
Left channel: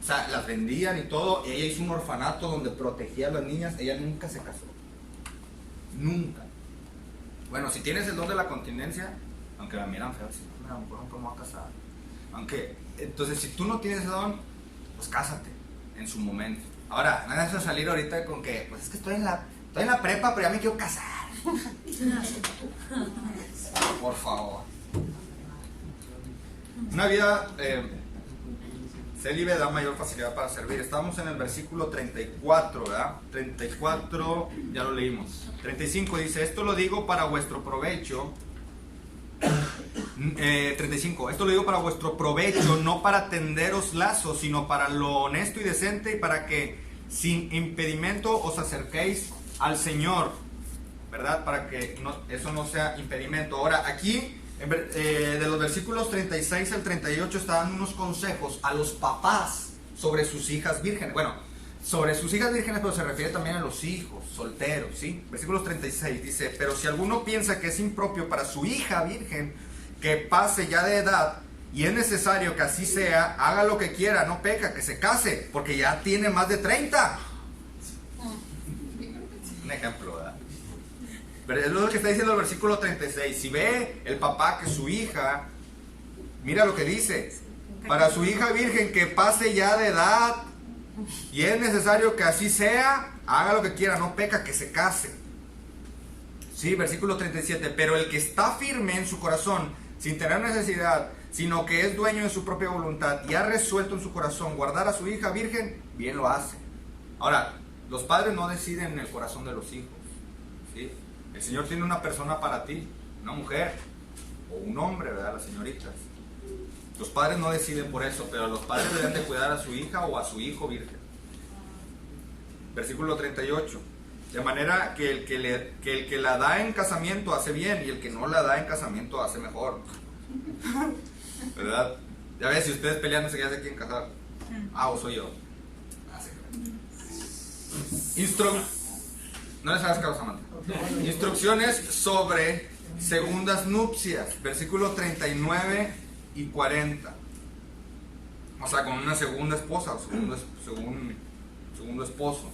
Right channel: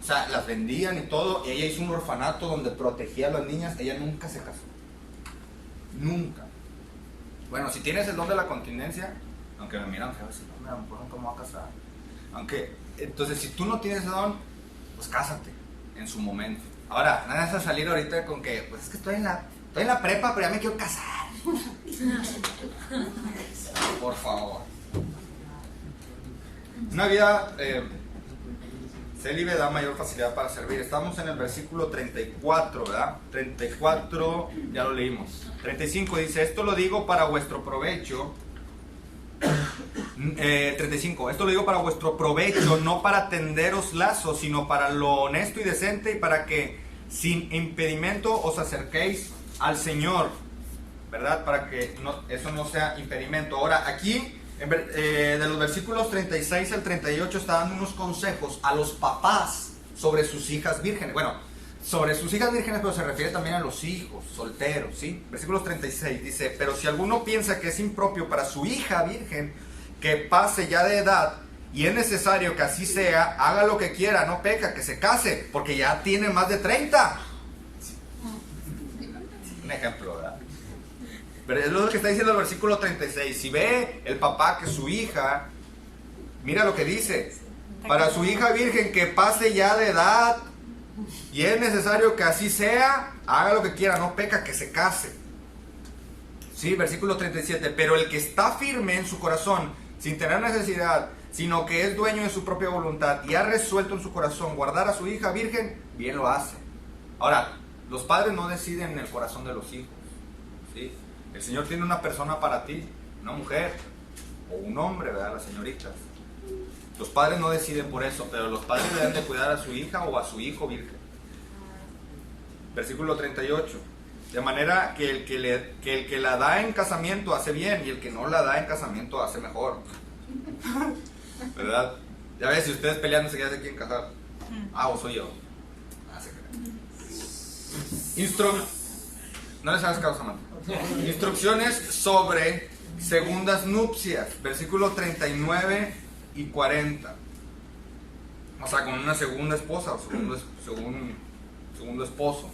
o sea, las vendían y todo. Ella hizo un orfanato donde protegía a las niñas, ella nunca se casó, nunca. Bueno, si tienes el don de la continencia, aunque me miran feo, si no, a lo mejor nunca me voy a casar. Entonces, si tú no tienes ese don, pues cásate en su momento. Ahora, nada más a salir ahorita con que, pues es que estoy en la prepa, pero ya me quiero casar. Por favor. Una vida célibe da mayor facilidad para servir. Estamos en el versículo 34, ¿verdad? 34, ya lo leímos. 35 dice, esto lo digo para vuestro provecho. 35, esto lo digo para vuestro provecho, no para tenderos lazos, sino para lo honesto y decente, y para que sin impedimento os acerquéis al Señor, ¿verdad? Para que eso no sea impedimento. Ahora, aquí, de los versículos 36 al 38, está dando unos consejos a los papás sobre sus hijas vírgenes. Bueno, sobre sus hijas vírgenes, pero se refiere también a los hijos solteros, ¿sí? Versículos 36 dice, pero si alguno piensa que es impropio para su hija virgen que pase ya de edad, y es necesario que así sea, haga lo que quiera, no peca, que se case, porque ya tiene más de 30. Un ejemplo, ¿verdad? Pero es lo que está diciendo el versículo 36. Si ve el papá que su hija, mira lo que dice, para su hija virgen que pase ya de edad, y es necesario que así sea, haga lo que quiera, no peca, que se case. Sí, versículo 37. Pero el que está firme en su corazón, sin tener necesidad, sino que es dueño de su propia voluntad y ha resuelto en su corazón guardar a su hija virgen, bien lo hace. Ahora, los padres no deciden en el corazón de los hijos, ¿sí? El Señor tiene una persona para ti, una mujer o un hombre, ¿verdad? Las señoritas. Los padres no deciden por eso, pero los padres deben de cuidar a su hija o a su hijo virgen. Versículo 38. De manera que el que la da en casamiento hace bien, y el que no la da en casamiento hace mejor. ¿Verdad? Ya ves, si ustedes peleándose ya se quieren casar. O soy yo. No les hagas caso, Samantha. Instrucciones sobre segundas nupcias. Versículo 39 y 40. O sea, con una segunda esposa o segundo esposo.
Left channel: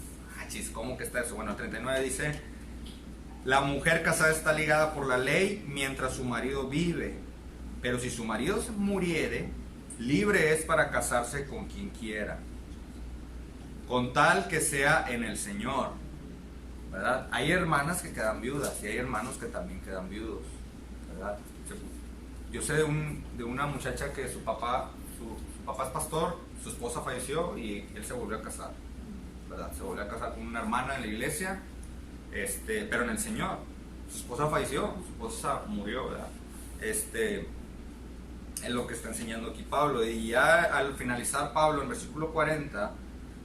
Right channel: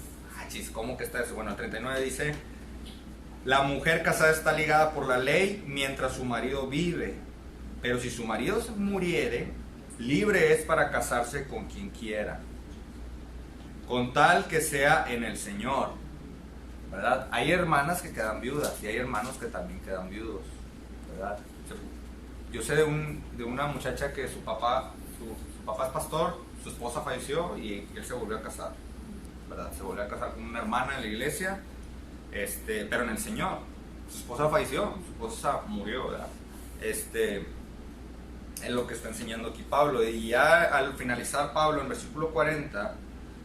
¿Cómo que está eso? Bueno, el 39 dice, la mujer casada está ligada por la ley mientras su marido vive, pero si su marido muriere, libre es para casarse con quien quiera, con tal que sea en el Señor, ¿verdad? Hay hermanas que quedan viudas y hay hermanos que también quedan viudos, ¿verdad? Yo sé de una muchacha que su papá es pastor, su esposa falleció y él se volvió a casar, ¿verdad? Se volvió a casar con una hermana en la iglesia, pero en el Señor. Su esposa falleció, su esposa murió, ¿verdad? Es lo que está enseñando aquí Pablo. Y ya al finalizar Pablo en versículo 40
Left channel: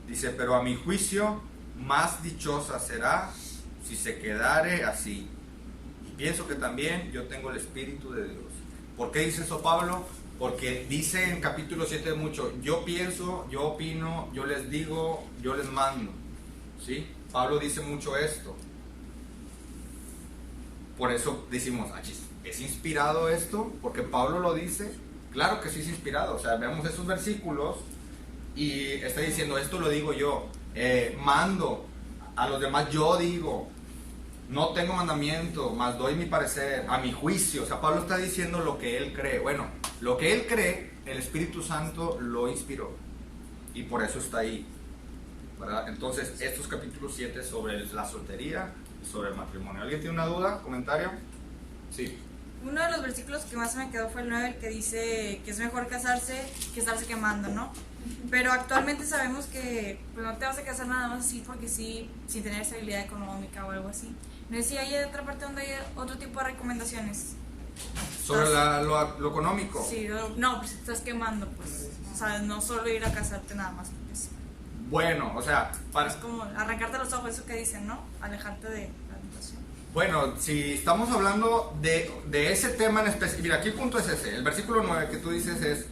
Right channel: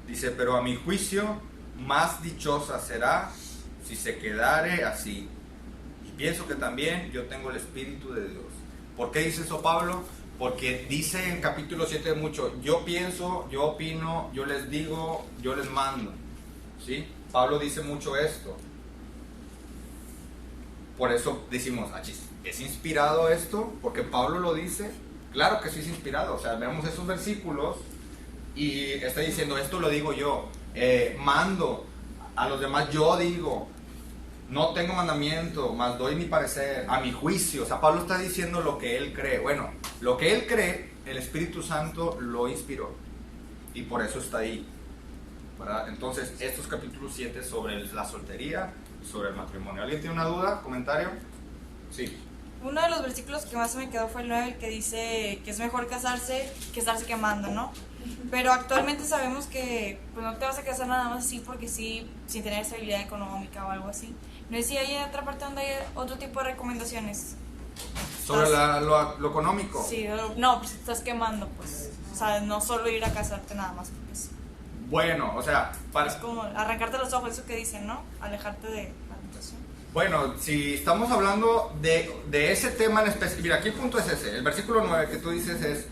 dice, pero a mi juicio más dichosa será si se quedare así, y pienso que también yo tengo el Espíritu de Dios. ¿Por qué dice eso Pablo? Porque dice en capítulo 7 mucho, yo pienso, yo opino, yo les digo, yo les mando, ¿sí? Pablo dice mucho esto. Por eso decimos, ¿es inspirado esto? Porque Pablo lo dice. Claro que sí es inspirado. O sea, vemos esos versículos y está diciendo, esto lo digo yo, mando a los demás, yo digo, no tengo mandamiento, mas doy mi parecer, a mi juicio. O sea, Pablo está diciendo lo que él cree. Bueno, lo que él cree, el Espíritu Santo lo inspiró. Y por eso está ahí, ¿verdad? Entonces, estos capítulos 7 sobre la soltería y sobre el matrimonio. ¿Alguien tiene una duda? ¿Comentario? Sí. Uno de los versículos que más se me quedó fue el 9, el que dice que es mejor casarse que estarse quemando, ¿no? Pero actualmente sabemos que pues, no te vas a casar nada más así porque sí, sin tener estabilidad económica o algo así. No sé si hay otra parte donde hay otro tipo de recomendaciones. ¿Sobre lo económico? Sí, no, pues estás quemando, pues. O sea, no solo ir a casarte nada más. Pues. Bueno, o sea, es como arrancarte los ojos, eso que dicen, ¿no? Alejarte de la tentación. Bueno, si estamos hablando de ese tema en específico, mira, aquí el punto es ese. El versículo 9 que tú dices es,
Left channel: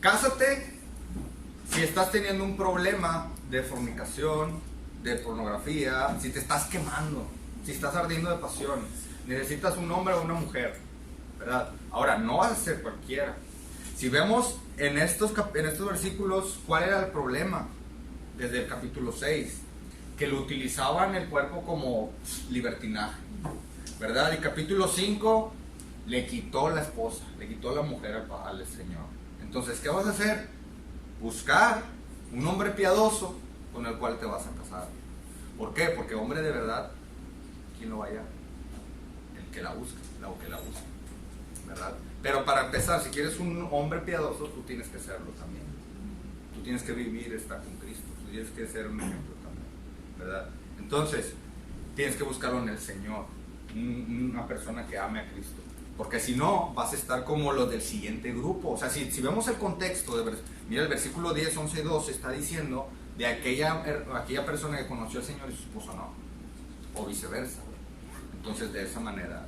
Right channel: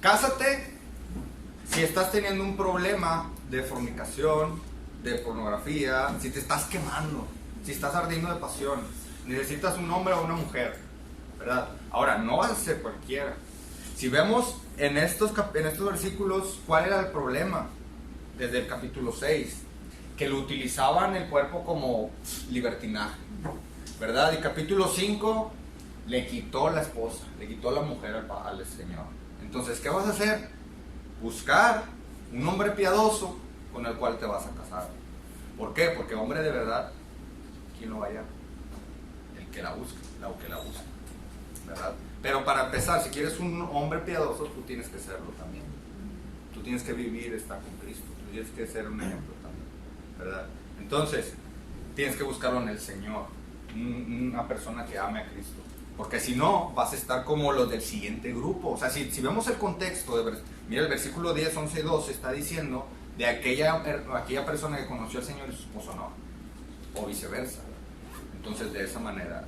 cásate si estás teniendo un problema de fornicación, de pornografía, si te estás quemando, si estás ardiendo de pasión, necesitas un hombre o una mujer, ¿verdad? Ahora, no vas a ser cualquiera. Si vemos en estos versículos, ¿cuál era el problema? Desde el capítulo 6, que lo utilizaban el cuerpo como libertinaje, ¿verdad? Y capítulo 5, le quitó la esposa, le quitó la mujer al Señor. Entonces, ¿qué vas a hacer? Buscar un hombre piadoso con el cual te vas a casar. ¿Por qué? Porque hombre de verdad, ¿quién lo vaya? El que la busca, o que la busca, ¿verdad? Pero para empezar, si quieres un hombre piadoso, tú tienes que serlo también. tú tienes que vivir, estar con Cristo, tú tienes que ser un ejemplo también, ¿verdad? Entonces, tienes que buscarlo en el Señor, una persona que ame a Cristo, porque si no, vas a estar como los del siguiente grupo. O sea, si vemos el contexto, mira el versículo 10, 11 y 12, está diciendo de aquella persona que conoció al Señor y su esposo no, o viceversa. Entonces, de esa manera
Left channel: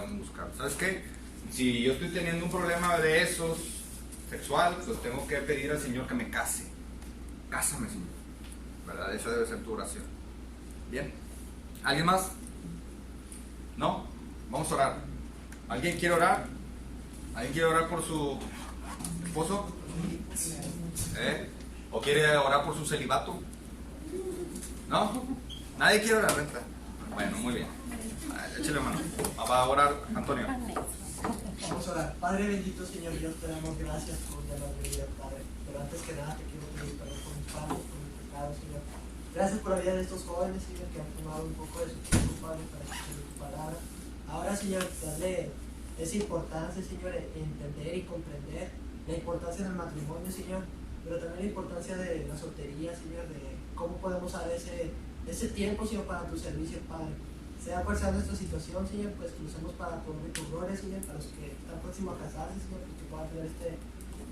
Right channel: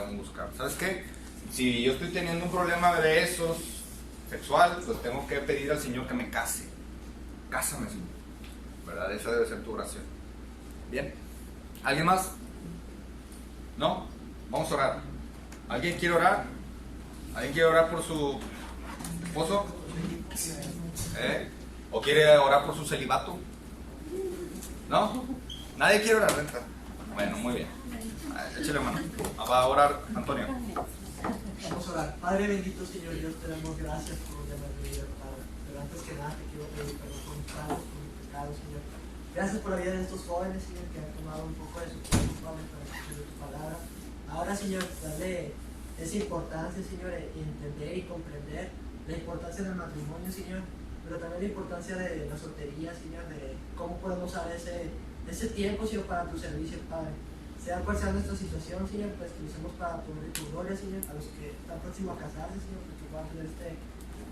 vamos a buscar. ¿Sabes qué? Si yo estoy teniendo un problema de esos sexual, pues tengo que pedir al Señor que me case. Cásame, Señor, ¿verdad? Esa debe ser tu oración. Bien. ¿Alguien más? ¿No? Vamos a orar. ¿Alguien quiere orar? ¿Alguien quiere orar por su esposo? ¿O quiere orar por su celibato? ¿No? ¿Nadie quiere orar? Venta. Bueno, muy bien. Échale mano. Va a orar Antonio. Vamos a orar. Padre bendito, Señor Dios, te damos gracias por la vida, Padre. Pero antes que nada, te quiero pedir perdón por mis padres, por mis pecados, Señor. Gracias por la vida de estos jóvenes, Señor, que han tomado un poco de su tiempo, Padre, para escuchar tu palabra. Ahora, Señor, darle esa importancia, Señor, entender y comprender la importancia del matrimonio, Señor, pero también la importancia de la soltería, Señor, de cómo podemos usar ese tiempo, Señor, para tu servicio, Padre. Sea cual sea nuestra situación, Señor, pues que lo usemos para poner tu gloria, Señor, a los que están próximos a casarse, Señor, pues que puedan tener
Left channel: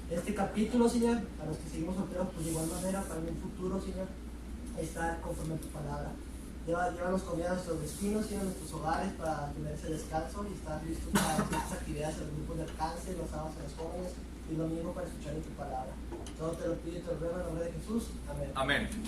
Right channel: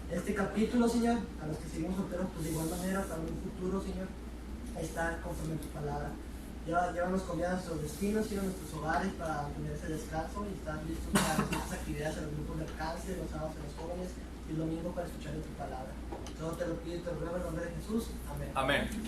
este capítulo, Señor, a los que seguimos solteros, pues de igual manera, para un futuro, Señor, estar conforme a tu palabra. Llévanos con bien a nuestros destinos, Señor, a nuestros hogares, para tener ese descanso y estar listos para nuestras actividades en los grupos de alcance, los sábados en los jóvenes y el domingo para escuchar tu palabra. Todo te lo pido y te lo ruego en nombre de Jesús. Amén. Amén.